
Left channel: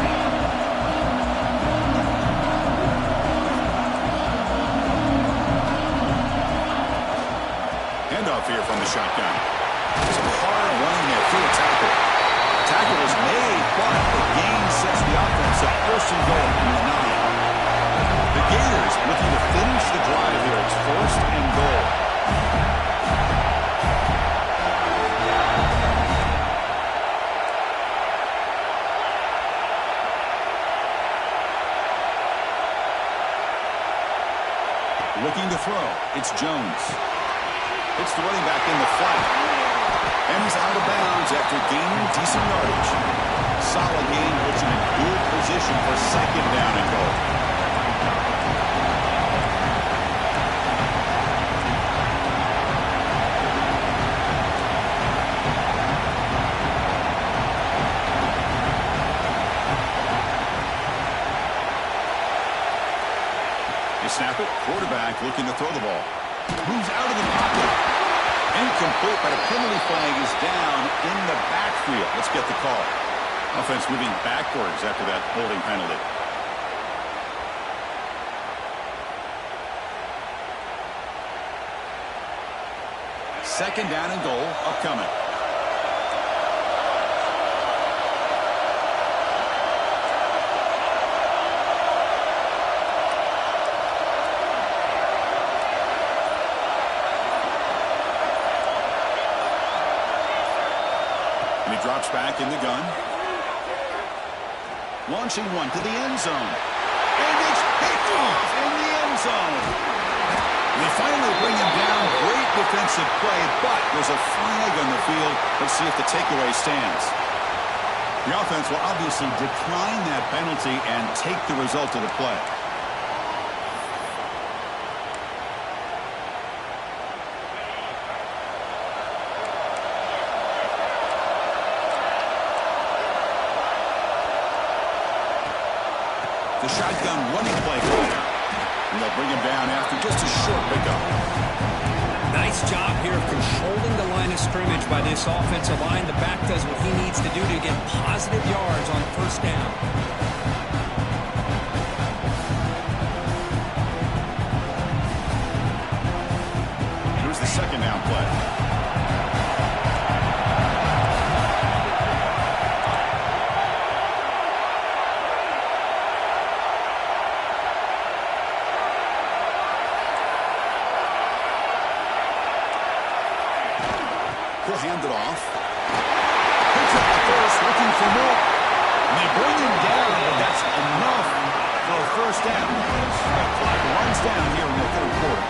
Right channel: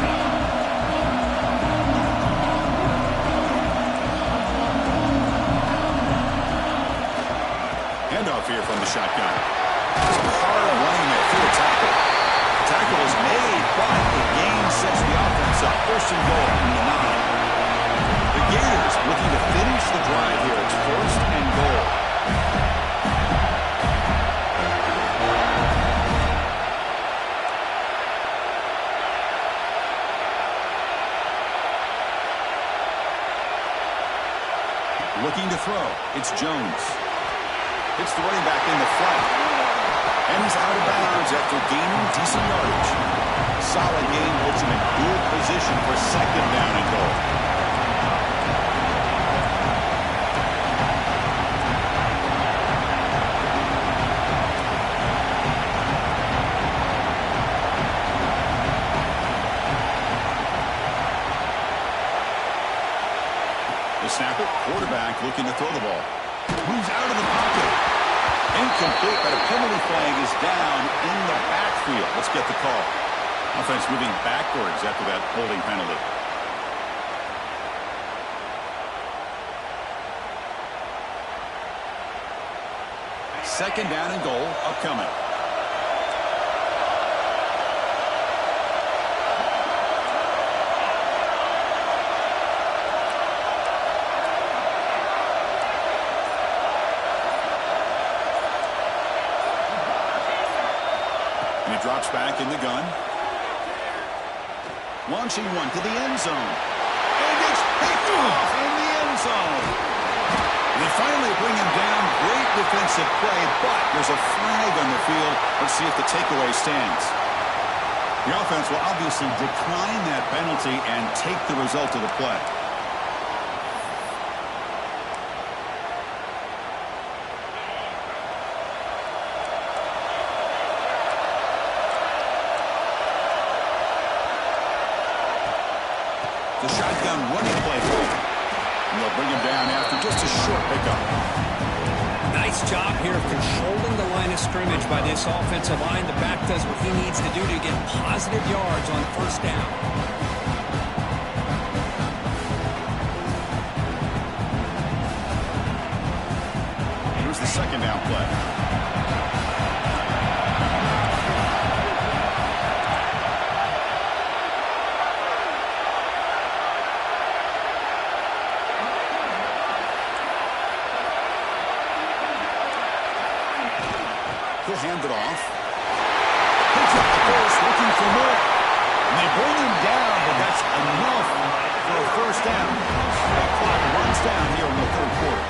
handoff here from the shotgun. Some hard running there through a tackle. The tackle is made, but the gain sets the offense up. First and goal from the 9. The Gators looking to finish the drive here. It's first and goal. Looking to throw. It's Jones. It's the running back in the flat. And he's out of bounds after gaining decent yardage. Solid gain puts him in good position for second down and goal. They snap it. Quarterback looking to throw the ball. Moves out of the pocket. Incomplete, but a penalty flag is down in the backfield. Let's get the call. Offense moving backwards after that holding penalty. Second down and goal upcoming. And he drops back in the gun. Launching one to the end zone. And it's picked off in the end zone. They finally bring him down. Great defensive play, but there's a flag on the field. Let's see if the takeaway stands. The offense will obviously decline that penalty and take the result of the play. The shotgun running play. And they'll bring him down after just a short pickup. Nice job here of controlling the line of scrimmage by this offensive line. The back does what he needs to do to get positive yards on first down. Here's the second down play. He'll hand it off. Picks up the first, looking for more. And they bring him down, but that's enough for a first down. The clock runs down here in the third quarter.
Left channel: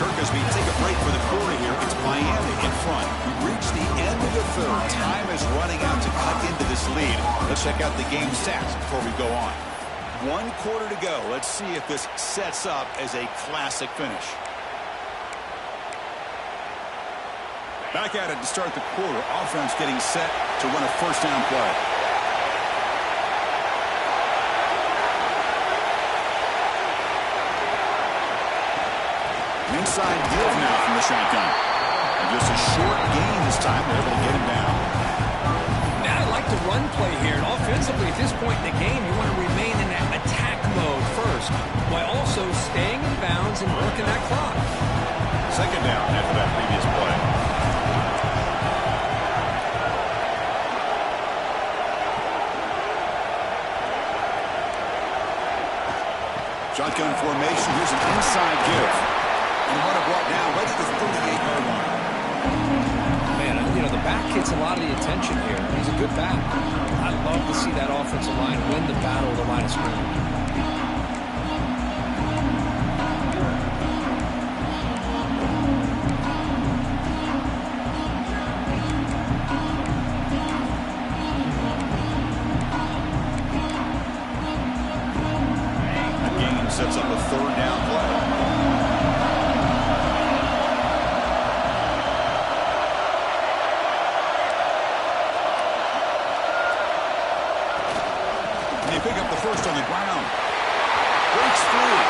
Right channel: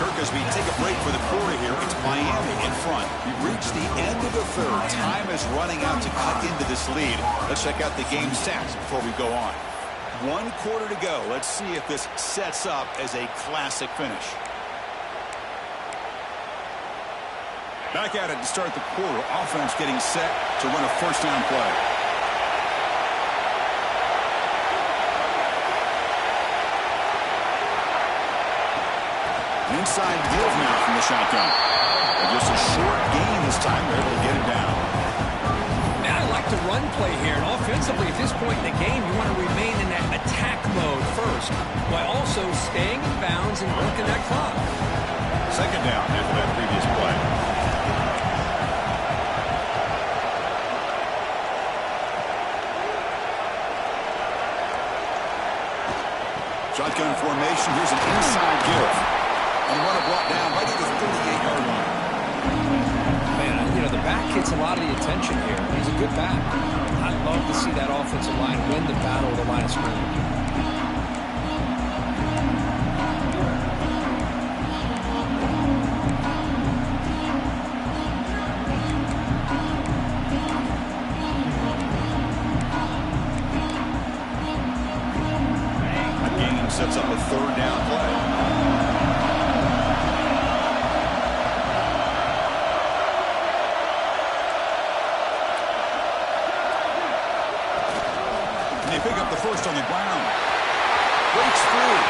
Kirkesby take a break for the quarter here. It's Miami in front. We reached the end of the third. Time is running out to cut into this lead. Let's check out the game stats before we go on. 1 quarter to go. Let's see if this sets up as a classic finish. Back at it to start the quarter. Offense getting set to run a first down play. An inside give now from the shotgun. And just a short gain this time. They're able to get him down. I like the run play here, and offensively at this point in the game, you want to remain in that attack mode first, while also staying in bounds and working that clock. Second down after that previous play. Shotgun formation. Here's an inside give. And the runner brought down right at the 38-yard line. Man, you know, the back gets a lot of the attention here. He's a good back. I love to see that offensive line win the battle of the line of scrimmage. The game sets up a third down play. They pick up the first on the ground. Breaks free.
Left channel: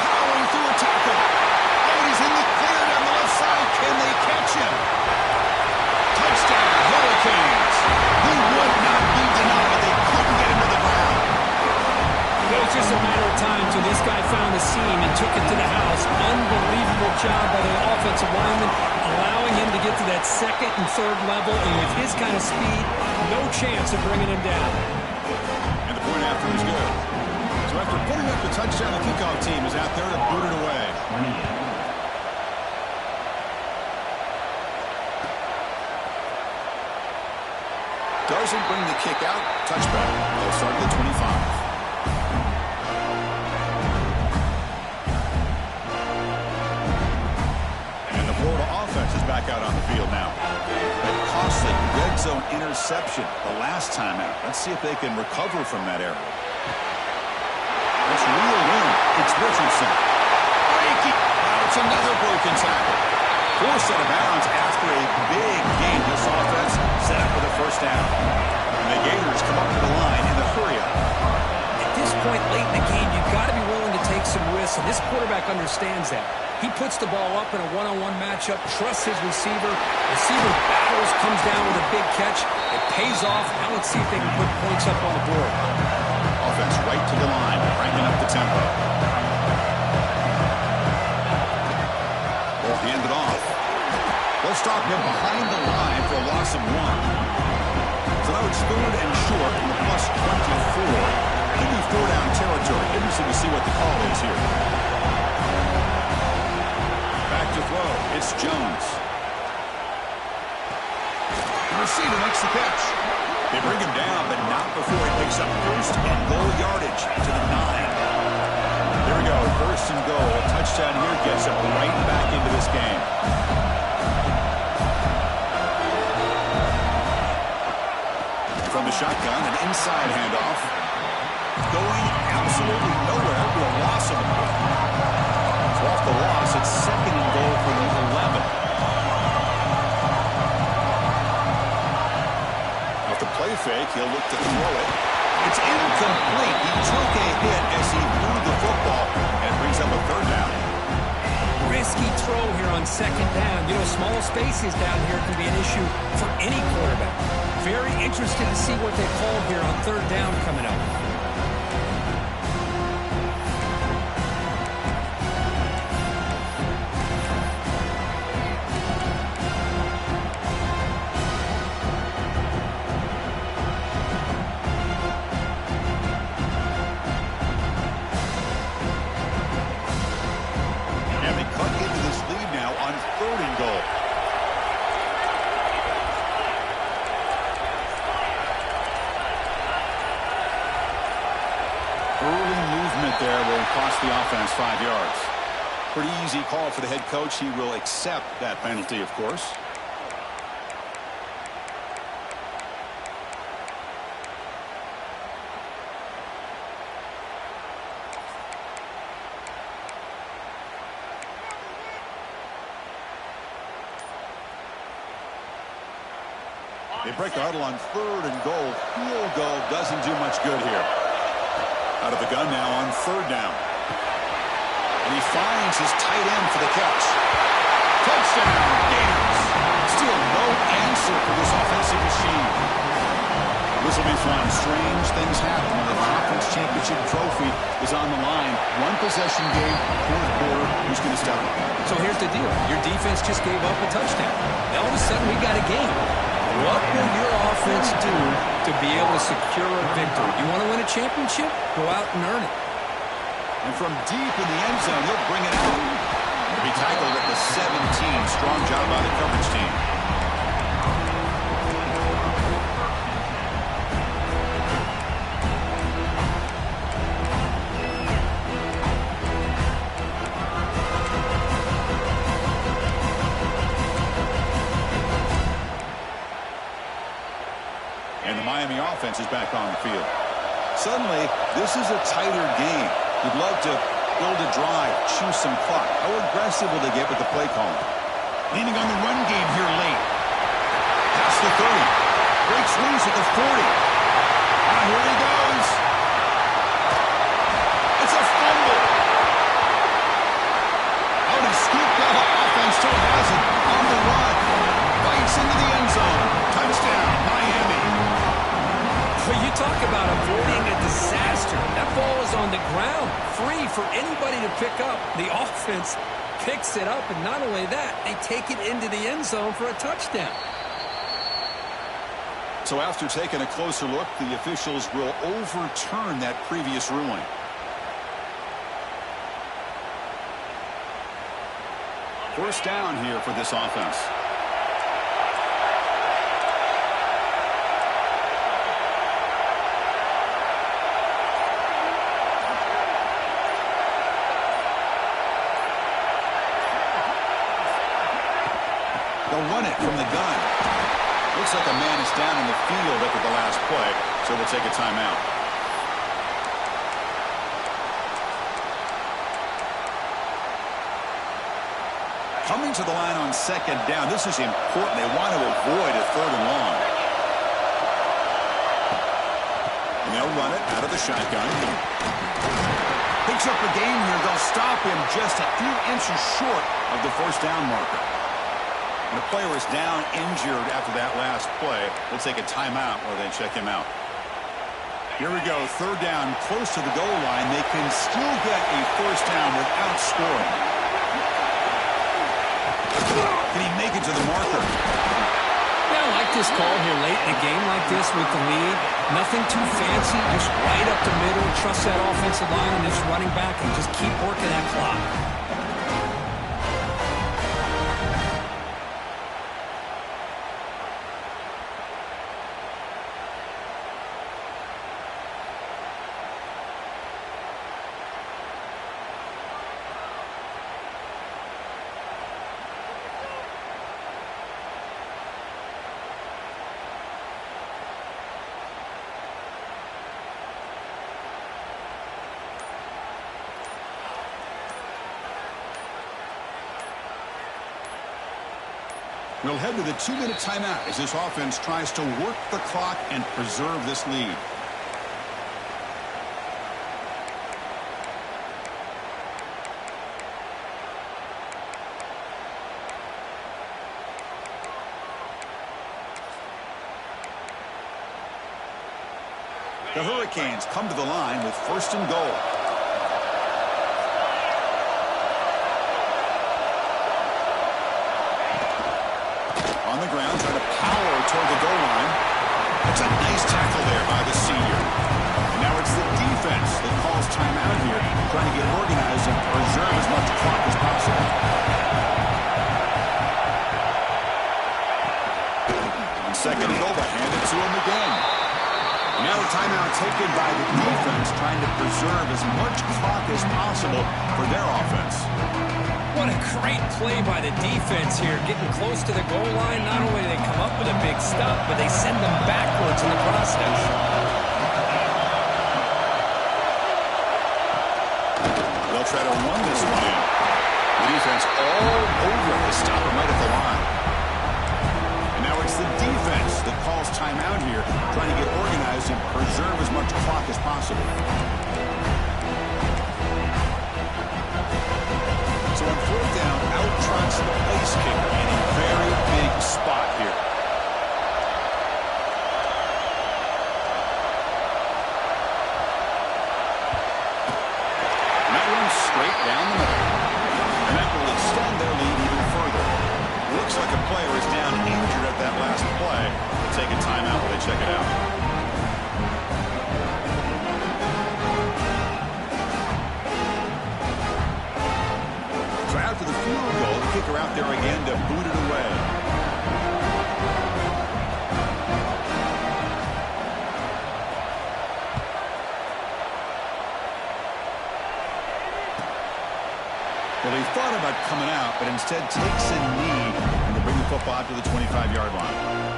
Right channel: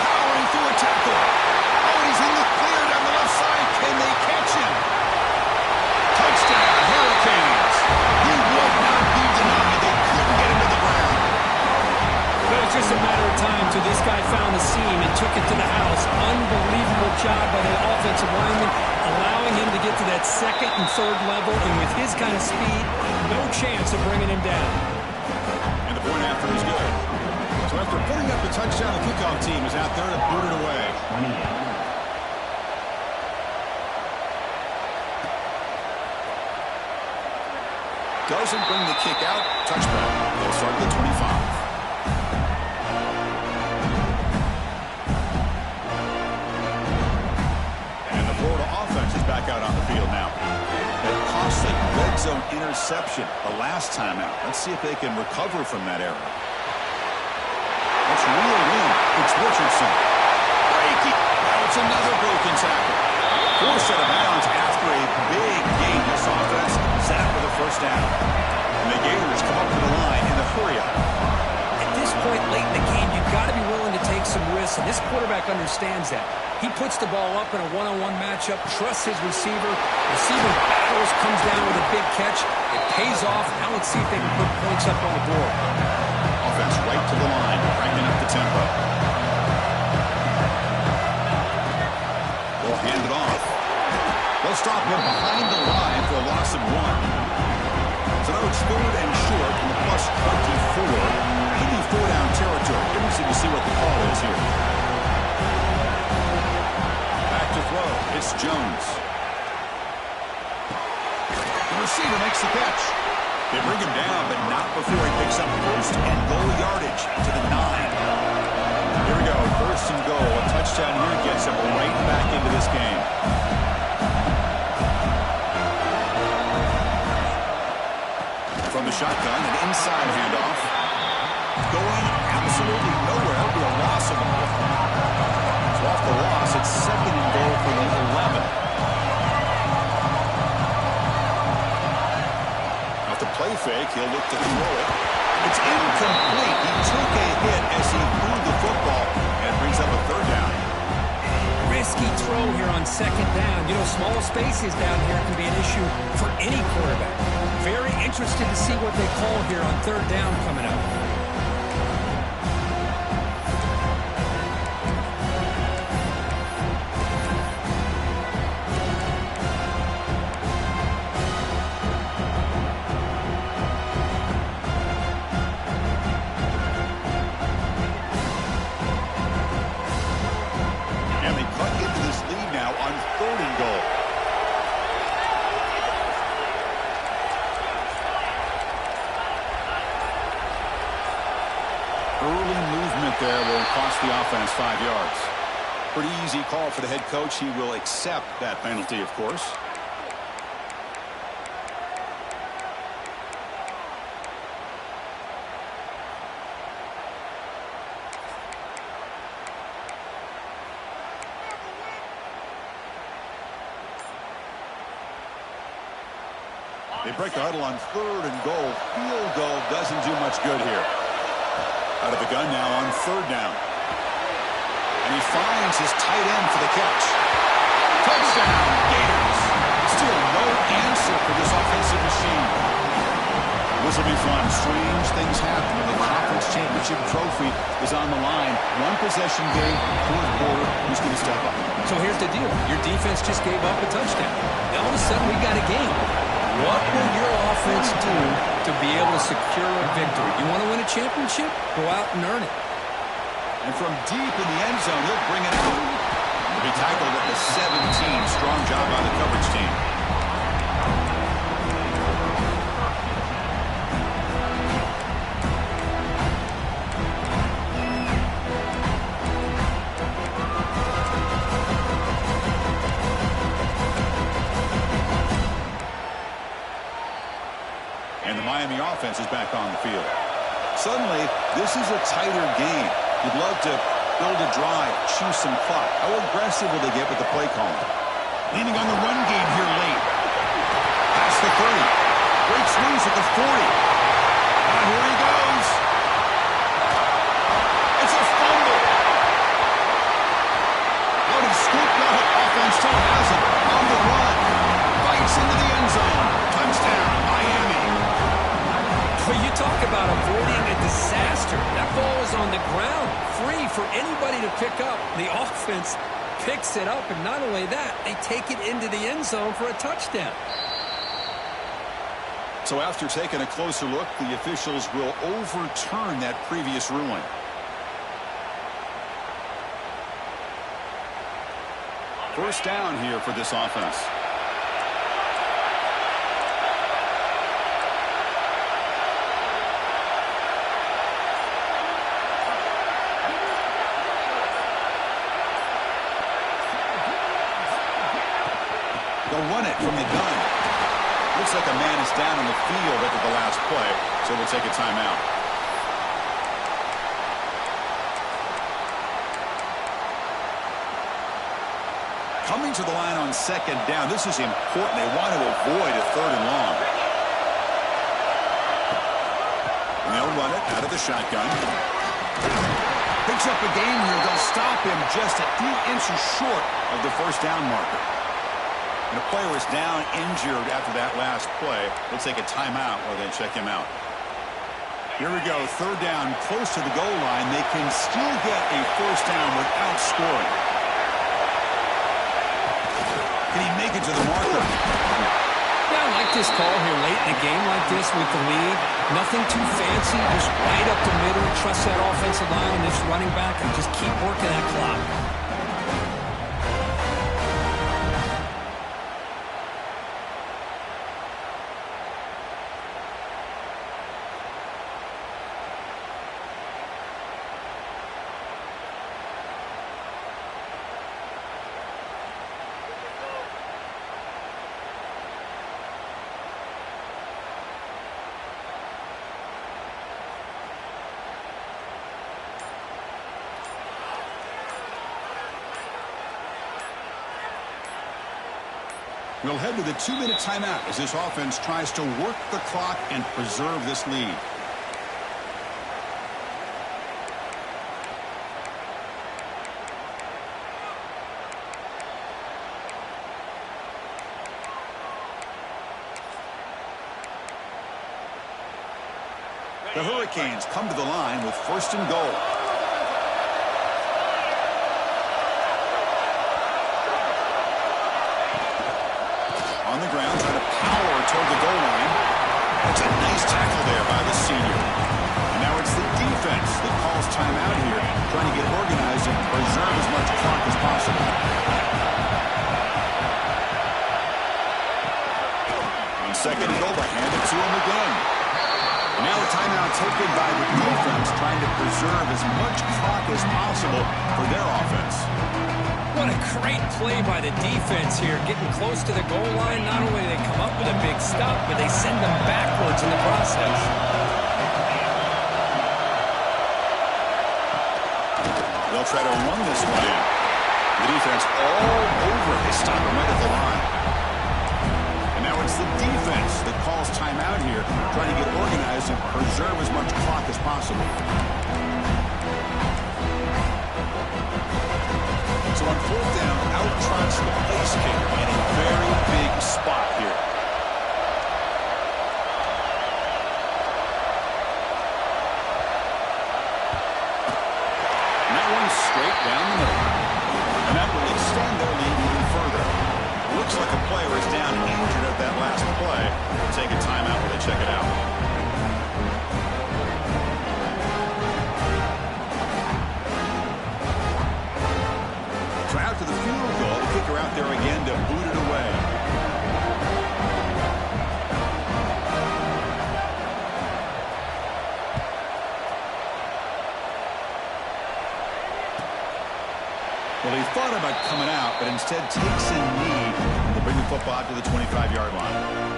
Powering through a tackle. Oh, he's in the clear down the left side. Can they catch him? Touchdown, Hurricanes. He would not be denied. They couldn't get him to the ground. You know, it's just a matter of time So this guy found the seam and took it to the house. Unbelievable job by the offensive lineman, allowing him to get to that second and third level. And with his kind of speed, no chance of bringing him down. And the point after is good. So after putting up the touchdown, the kickoff team is out there to boot it away. 28. Doesn't bring the kick out. Touchback. They'll start at the 25. And the Florida offense is back out on the field now. That costly red zone interception the last time out. Let's see if they can recover from that error. Let's reel in. It's Richardson. Breaking. Now it's another broken tackle. Forced out of bounds after a big gain. This offense set up for the first down. And the Gators come up to the line in the hurry-up. At this point late in the game, you've got to be willing to take some risks, and this quarterback understands that. He puts the ball up in a one-on-one matchup, trusts his receiver. Receiver battles, comes down with a big catch. It pays off. Now let's see if they can put points up on the board. Offense right to the line, cranking up the tempo. They'll hand it off. They'll stop him behind the line for a loss of 1. So now it's 3rd and short from the plus 24. Could be 4-down territory. Interesting to see what the call is here. Back to throw. It's Jones. The receiver makes the catch. They bring him down, but not before he picks up first and goal yardage to the 9. Here we go, 1st and goal. A touchdown here gets them right back into this game. From the shotgun, an inside handoff. Going absolutely nowhere. That would be a loss of the ball. So off the loss, it's 2nd and goal for the 11. Off the play fake, he'll look to throw it. It's incomplete. He took a hit as he threw the football, and it brings up a 3rd down. Risky throw here on 2nd down. You know, small spaces down here can be an issue for any quarterback. Very interested to see what they call here on 3rd down coming up. On 3rd and goal. Early movement there will cost the offense 5 yards. Pretty easy call for the head coach. He will accept that penalty, of course. They break the huddle on 3rd and goal. Field goal doesn't do much good here. Out of the gun now on 3rd down. And he finds his tight end for the catch. Touchdown, Gators. Still no answer for this offensive machine. This will be fun. Strange things happen when the conference championship trophy is on the line. One possession game, 4th quarter. Who's going to step up? So here's the deal. Your defense just gave up a touchdown. Now all of a sudden we got a game. What will your offense do to be able to secure a victory? You want to win a championship? Go out and earn it. And from deep in the end zone, he'll bring it out. He'll be tackled at the 17. Strong job by the coverage team. And the Miami offense is back on the field. Suddenly, this is a tighter game. You'd love to build a drive, choose some clock. How aggressive will they get with the play calling? Leaning on the run game here late. Past the 30. Breaks loose at the 40. Now here he goes. It's a fumble. Out and scooped up. Offense still has it. On the run. Bites into the end zone. Touchdown, Miami. Well, you talk about avoiding a disaster. That ball is on the ground, free for anybody to pick up. The offense picks it up, and not only that, they take it into the end zone for a touchdown. So after taking a closer look, the officials will overturn that previous ruling. First down here for this offense. They'll run it from the gun. Looks like a man is down on the field after the last play, so we'll take a timeout. Coming to the line on second down. This is important. They want to avoid a third and long. And they'll run it out of the shotgun. Picks up a gain here. They'll stop him just a few inches short of the first down marker. And a player is down injured after that last play. We'll take a timeout while they check him out. Here we go. Third down, close to the goal line. They can still get a first down without scoring. Can he make it to the marker? Yeah, I like this call here late in a game like this with the lead. Nothing too fancy, just right up the middle. Trust that offensive line and this running back and just keep working that clock. We'll head to the 2-minute timeout as this offense tries to work the clock and preserve this lead. The Hurricanes come to the line with first and goal. On the ground, trying to power toward the goal line. That's a nice tackle there by the senior. And now it's the defense that calls timeout here, trying to get organized and preserve as much clock as possible. On second and goal, they hand it to him again. And now a timeout taken by the defense, trying to preserve as much clock as possible for their offense. What a great play by the defense here, getting close to the goal line. Not only do they come up with a big stop, but they send them backwards in the process. They'll try to run this one in. The defense all over it. They stop him right at the line. And now it's the defense that calls timeout here, trying to get organized and preserve as much clock as possible. So on fourth down, out trots the place kicker in a very big spot here. And that one's straight down the middle. And that will extend their lead even further. Looks like a player is down injured at that last play. We'll take a timeout while they check it out. So after the field goal, the kicker out there again to boot it away. Well, he thought about coming out, but instead takes a knee and to bring the football out to the 25-yard line.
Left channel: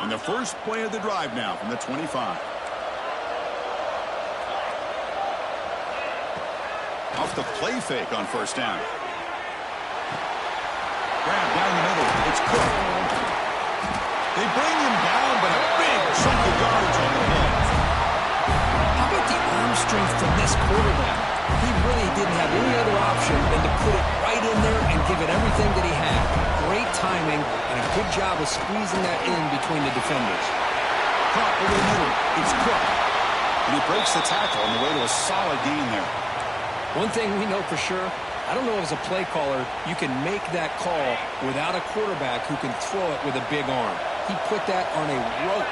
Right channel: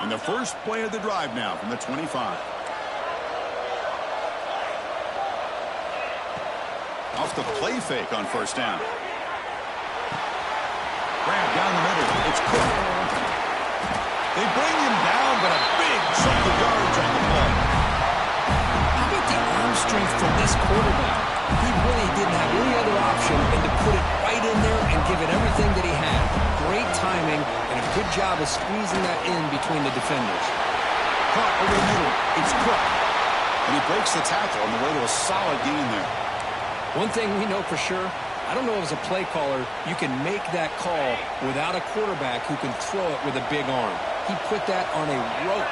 And the first play of the drive now from the 25. Off the play fake on first down. Grab down the middle. It's Cook. They bring him down, but a big chunk of yards on the play. best quarterback. He really didn't have any other option than to put it right in there and give it everything that he had. Great timing and a good job of squeezing that in between the defenders. Caught over the middle. It's Cook. And he breaks the tackle on the way to a solid gain there. One thing we know for sure, I don't know as a play caller, you can make that call without a quarterback who can throw it with a big arm. He put that on a rope.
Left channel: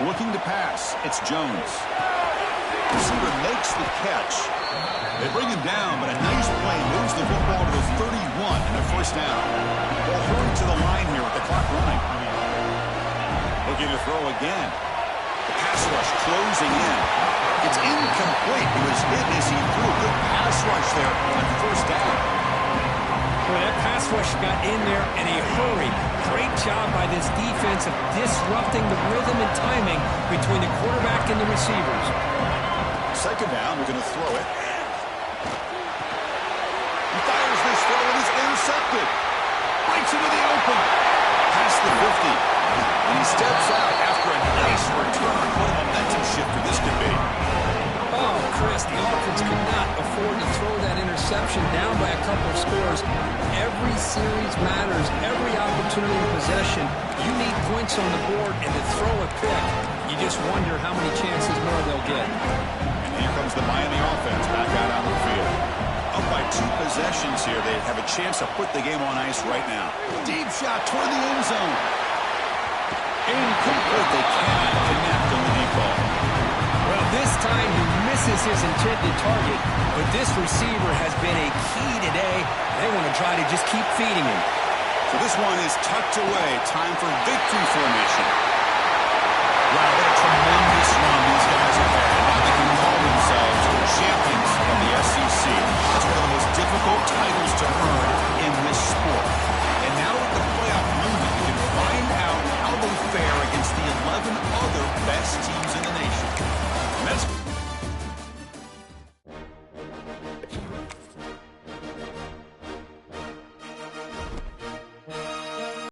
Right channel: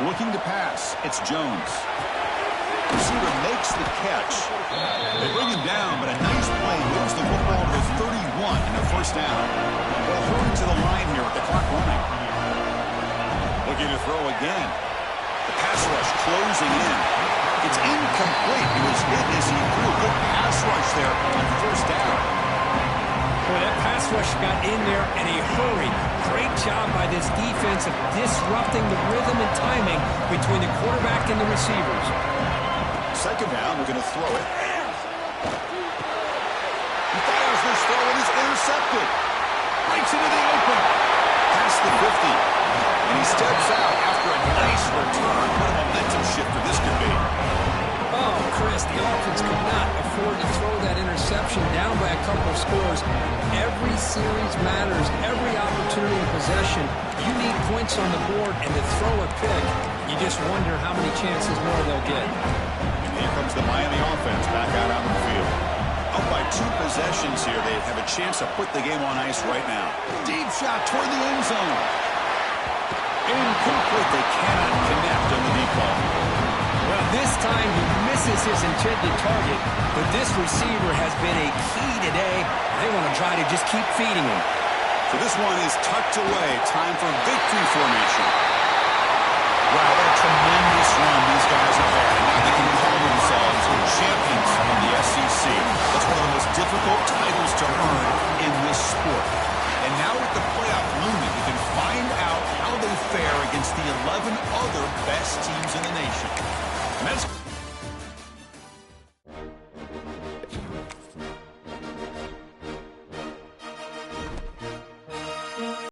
Looking to pass, it's Jones. Receiver makes the catch. They bring him down, but a nice play moves the football to the 31 and a first down. Ball hurrying to the line here with the clock running. Looking to throw again. The pass rush closing in. It's incomplete. He was hit as he threw. Good pass rush there on first down. Boy, that pass rush got in there in a hurry. Great job by this defense of disrupting the rhythm and timing between the quarterback and the receivers. Second down, we're going to throw it. He fires this throw and is intercepted. Breaks into the open. Past the 50. And he steps out after a nice return. What a momentum shifter this could be. Oh, Chris, the offense could not afford to throw that interception down by a couple of scores. Every series matters. Every opportunity in possession. You need points on the board, and to throw a pick, you just wonder how many chances more they'll get. And here comes the Miami offense back out on the field. Up by 2 possessions here. They have a chance to put the game on ice right now. Deep shot toward the end zone. Incomplete. They cannot connect on the deep ball. Well, this time he misses his intended target, but this receiver has been a key today. They want to try to just keep feeding him. So this one is tucked away. Time for victory formation. Wow, what a tremendous run these guys have had. And now they can call themselves champions of the SEC. That's one of the most difficult titles to earn in this sport. And now with the playoff looming, you can find out how they fare against the 11 other best teams in the nation. And that's